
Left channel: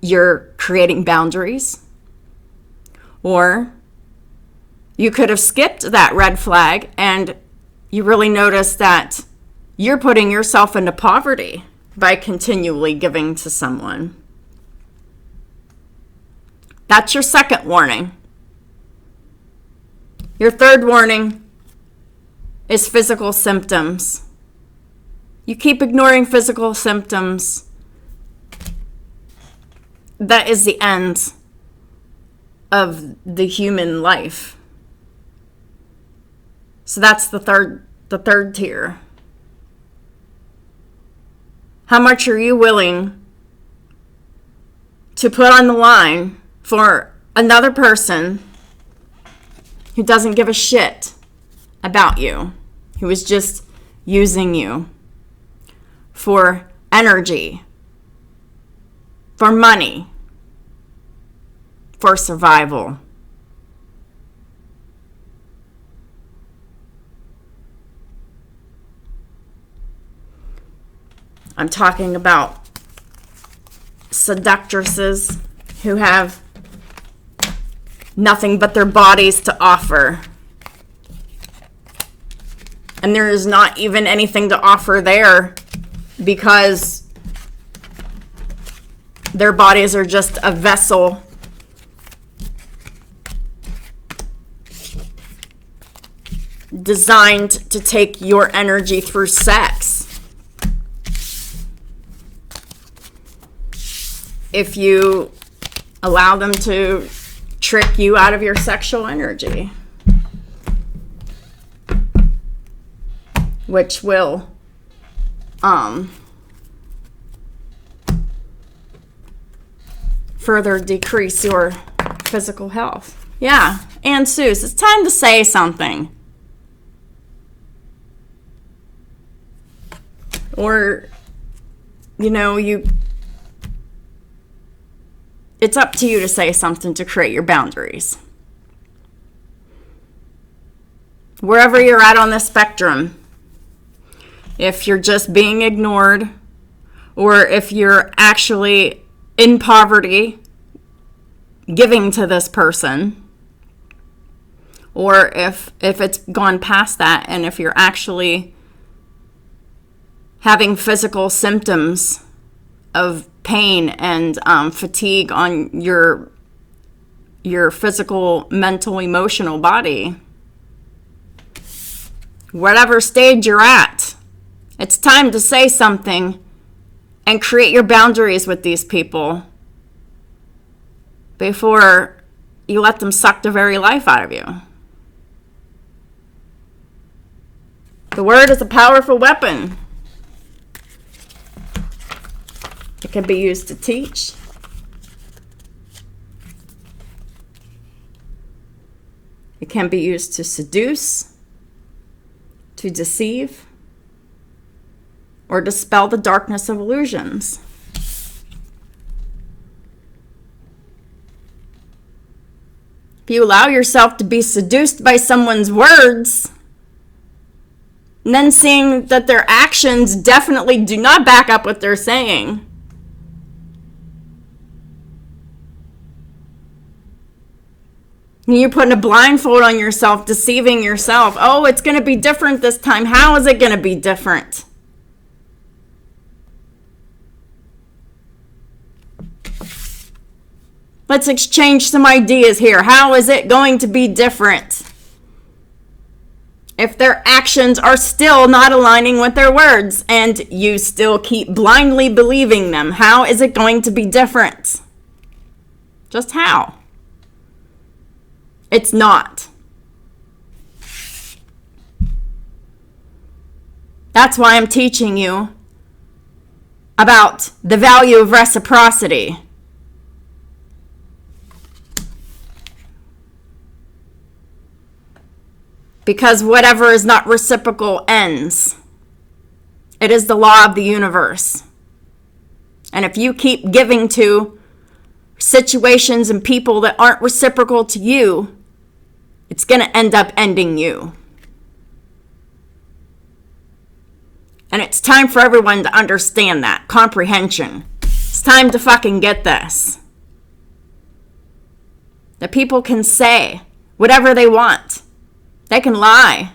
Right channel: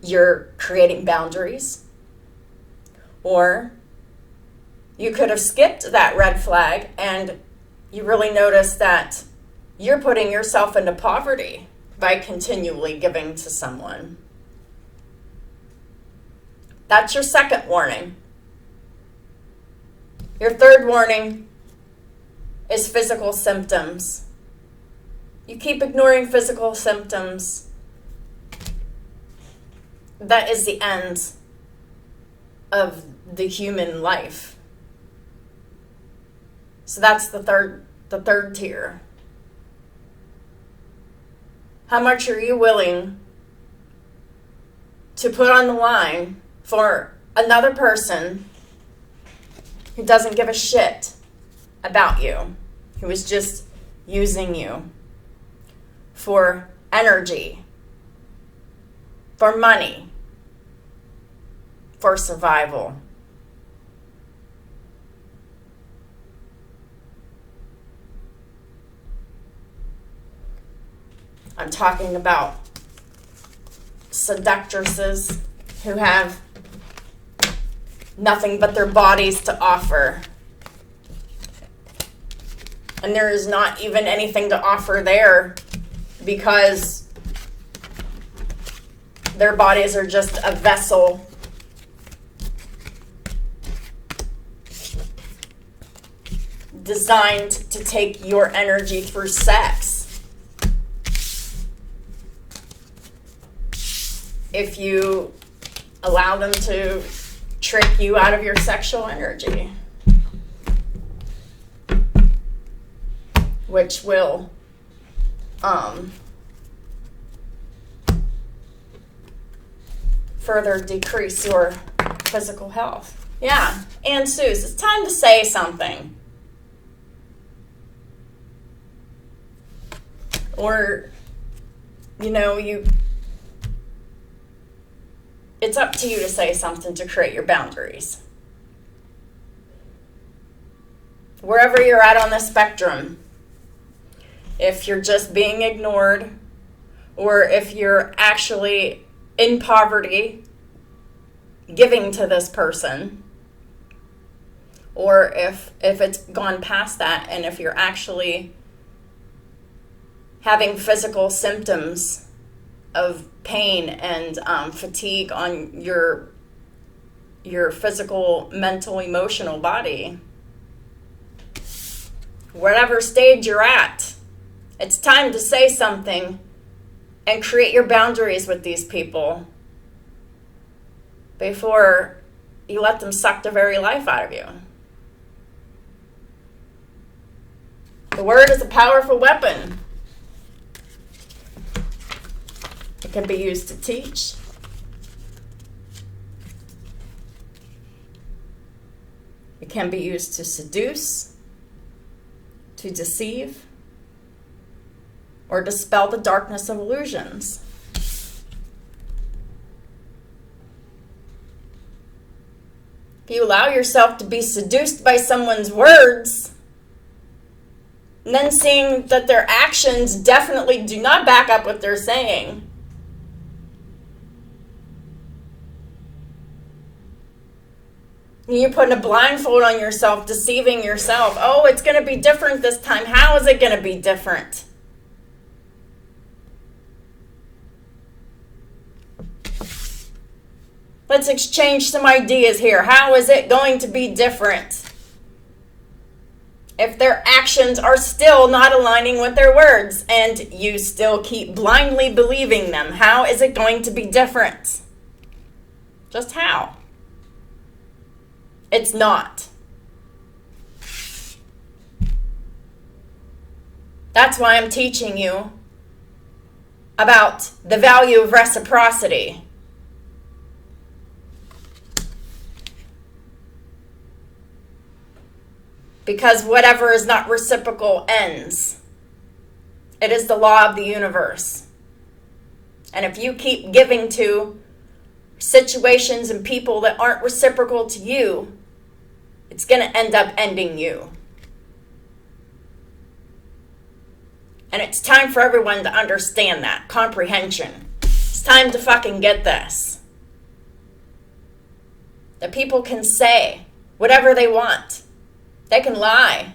you're creating boundaries. Or you could have skipped that red flag and you really notice that you're putting yourself into poverty by continually giving to someone. That's your second warning. Your third warning is physical symptoms. You keep ignoring physical symptoms. That is the end of the human life. So that's the third tier. How much are you willing to put on the line for another person who doesn't give a shit about you, who is just using you for energy, for money, for survival? I'm talking about seductresses who have nothing but their bodies to offer. And there is not even anything to offer there because their bodies are just a vessel designed to take your energy through sex. If you allow them to trick you out of your sexual energy, which will further decrease your physical health. Yeah, and Suze, it's time to say something. Or, it's up to you to say something to create your boundaries. Wherever you're at on the spectrum, if you're just being ignored, or if you're actually in poverty giving to this person, or if it's gone past that, and if you're actually having physical symptoms of pain and fatigue on your physical, mental, emotional body, whatever stage you're at, it's time to say something and create your boundaries with these people before you let them suck the very life out of you. The word is a powerful weapon. It can be used to teach. It can be used to seduce, to deceive, or dispel the darkness of illusions. If you allow yourself to be seduced by someone's words, and then seeing that their actions definitely do not back up what they're saying, you're putting a blindfold on yourself, deceiving yourself. Oh, it's going to be different this time. How is it going to be different? Let's exchange some ideas here. How is it going to be different? If their actions are still not aligning with their words and you still keep blindly believing them, how is it going to be different? Just how? It's not. That's why I'm teaching you about the value of reciprocity. Because whatever is not reciprocal ends. It is the law of the universe. And if you keep giving to situations and people that aren't reciprocal to you, it's going to end up ending you. And it's time for everyone to understand that. Comprehension. It's time to fucking get this. That people can say whatever they want. They can lie.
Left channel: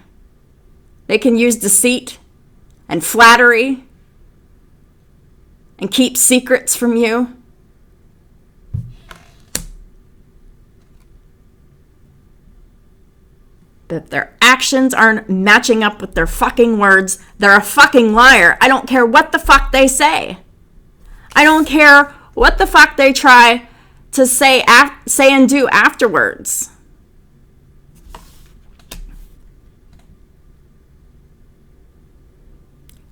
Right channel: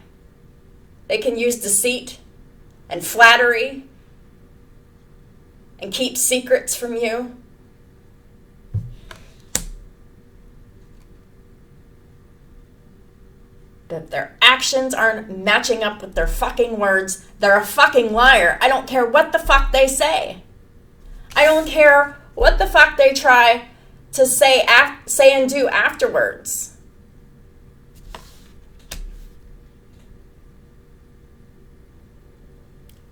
They can use deceit and flattery and keep secrets from you. But if their actions aren't matching up with their fucking words, they're a fucking liar. I don't care what the fuck they say. I don't care what the fuck they try to say and do afterwards.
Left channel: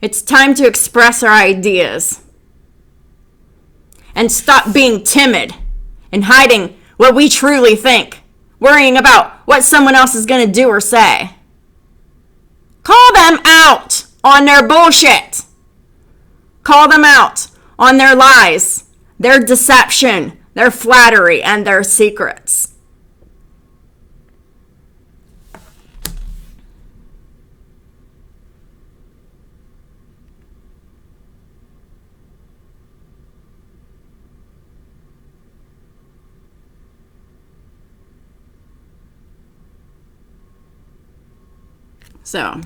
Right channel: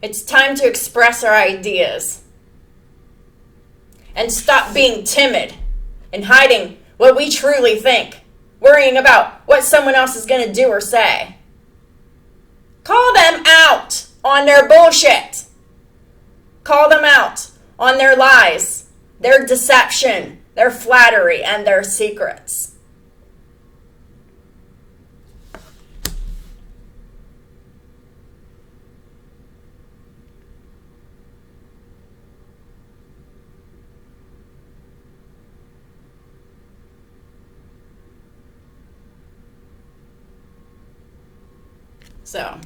It's time to express our ideas and stop being timid and hiding what we truly think, worrying about what someone else is going to do or say. Call them out on their bullshit. Call them out on their lies, their deception, their flattery, and their secrets. So,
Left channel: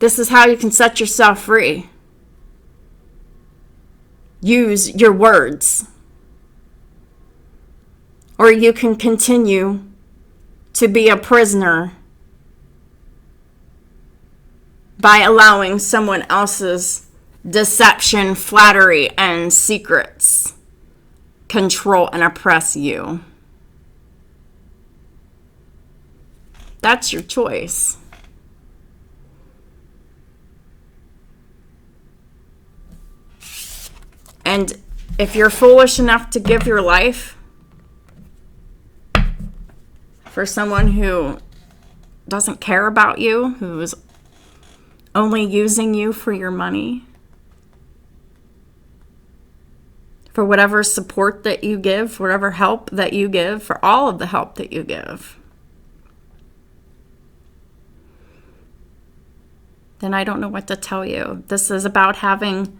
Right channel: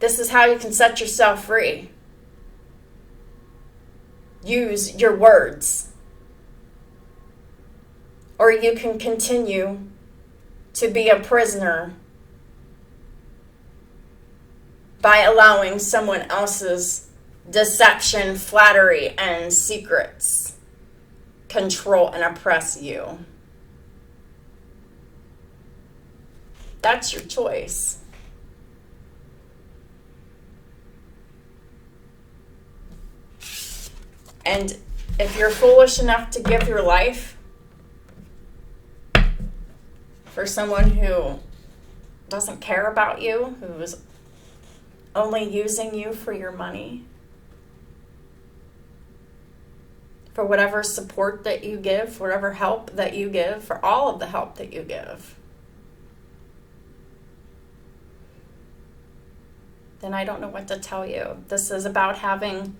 this is how you can set yourself free. Use your words. Or you can continue to be a prisoner by allowing someone else's deception, flattery, and secrets control and oppress you. That's your choice. And if you're foolish enough to give your life for someone who doesn't care about you, who's only using you for your money, for whatever support that you give, whatever help that you give, for all of the help that you give, then I don't know what to tell you. This is about having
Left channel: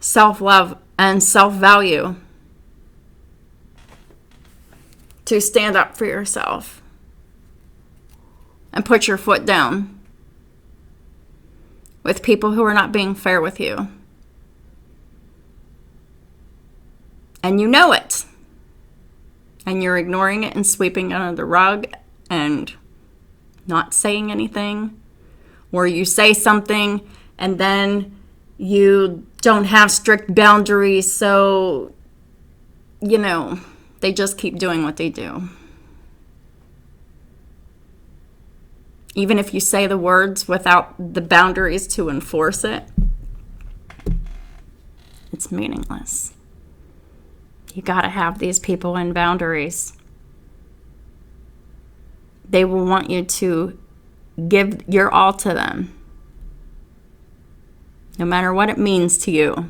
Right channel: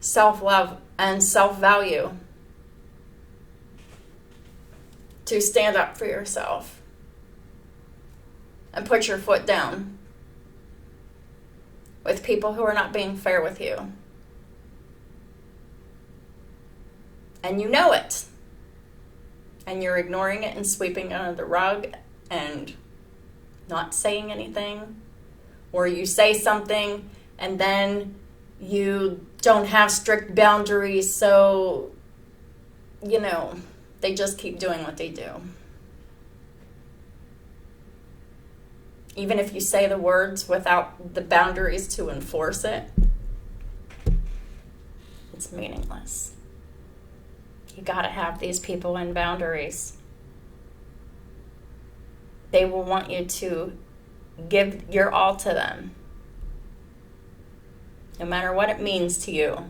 self-love and self-value to stand up for yourself and put your foot down with people who are not being fair with you. And you know it. And you're ignoring it and sweeping it under the rug and not saying anything. Or you say something and then you don't have strict boundaries, so, they just keep doing what they do. Even if you say the words without the boundaries to enforce it, it's meaningless. You gotta have these people in boundaries. They will want you to give your all to them, no matter what it means to you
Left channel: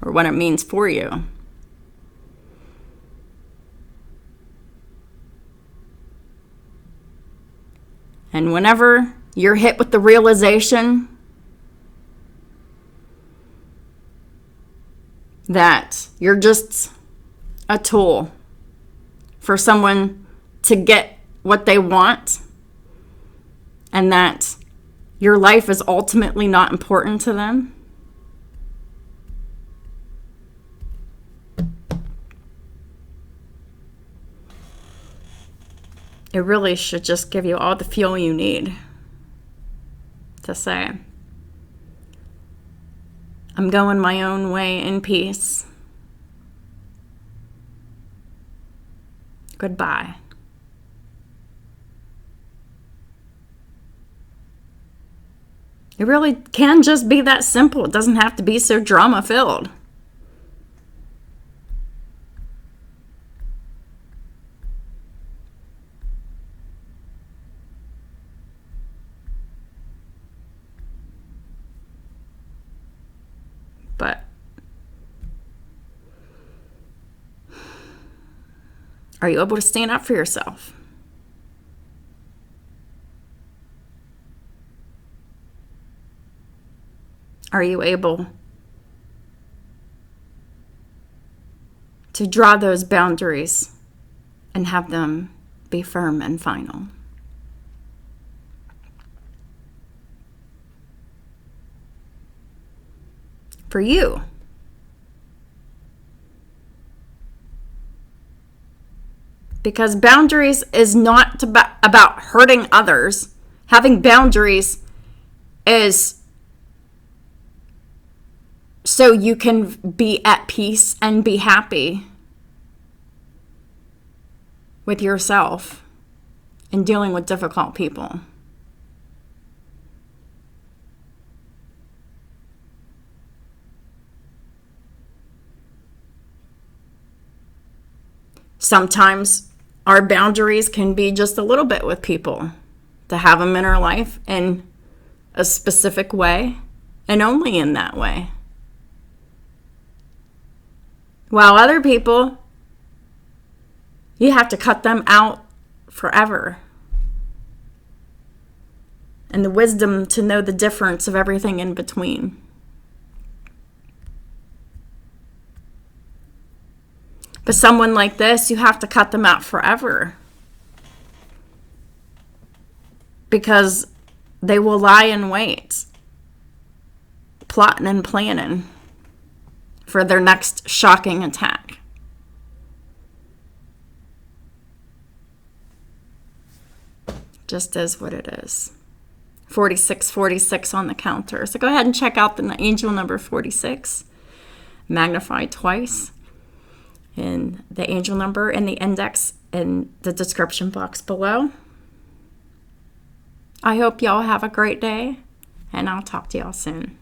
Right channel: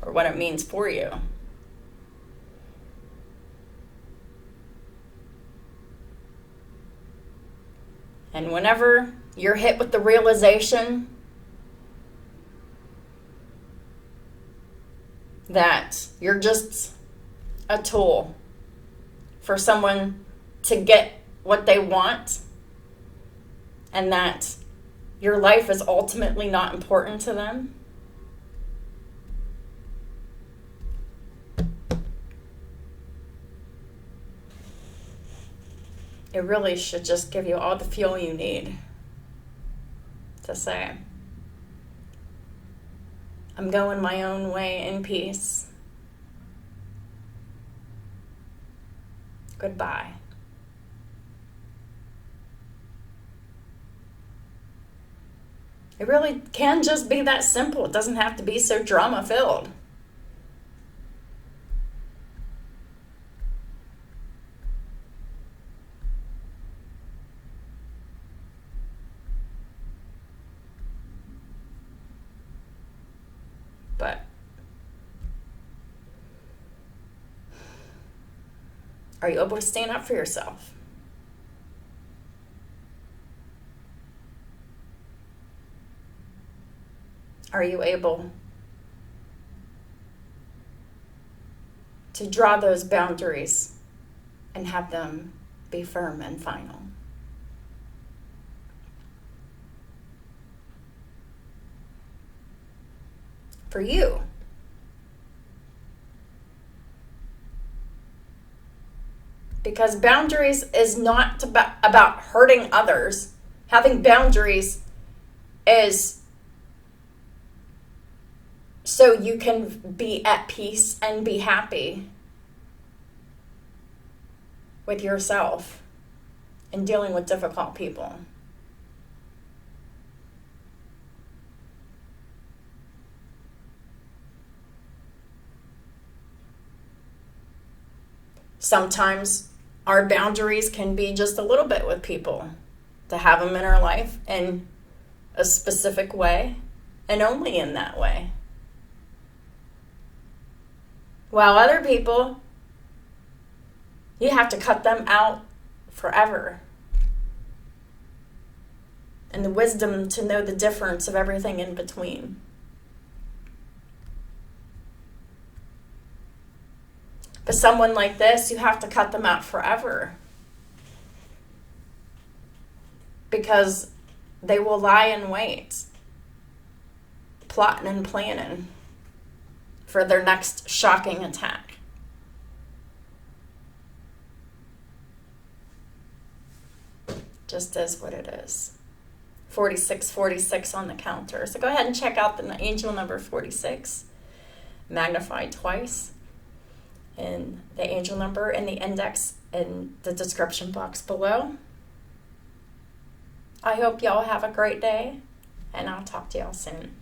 or what it means for you. And whenever you're hit with the realization that you're just a tool for someone to get what they want, and that your life is ultimately not important to them, it really should just give you all the fuel you need to say, I'm going my own way in peace. Goodbye. It really can just be that simple. It doesn't have to be so drama-filled. But Are you able to stand up for yourself? Are you able to draw those boundaries and have them be firm and final? For you, because boundaries is not about hurting others. Having boundaries is so you can be at peace and be happy with yourself and dealing with difficult people. Sometimes our boundaries can be just a little bit with people, to have them in our life in a specific way and only in that way. While other people, you have to cut them out forever. And the wisdom to know the difference of everything in between. But someone like this, you have to cut them out forever. Because they will lie in wait, plotting and planning for their next shocking attack. Just is what it is. 4646 on the counter. So go ahead and check out the angel number 46, magnified twice. And the angel number and the index in the description box below. I hope y'all have a great day, and I'll talk to y'all soon.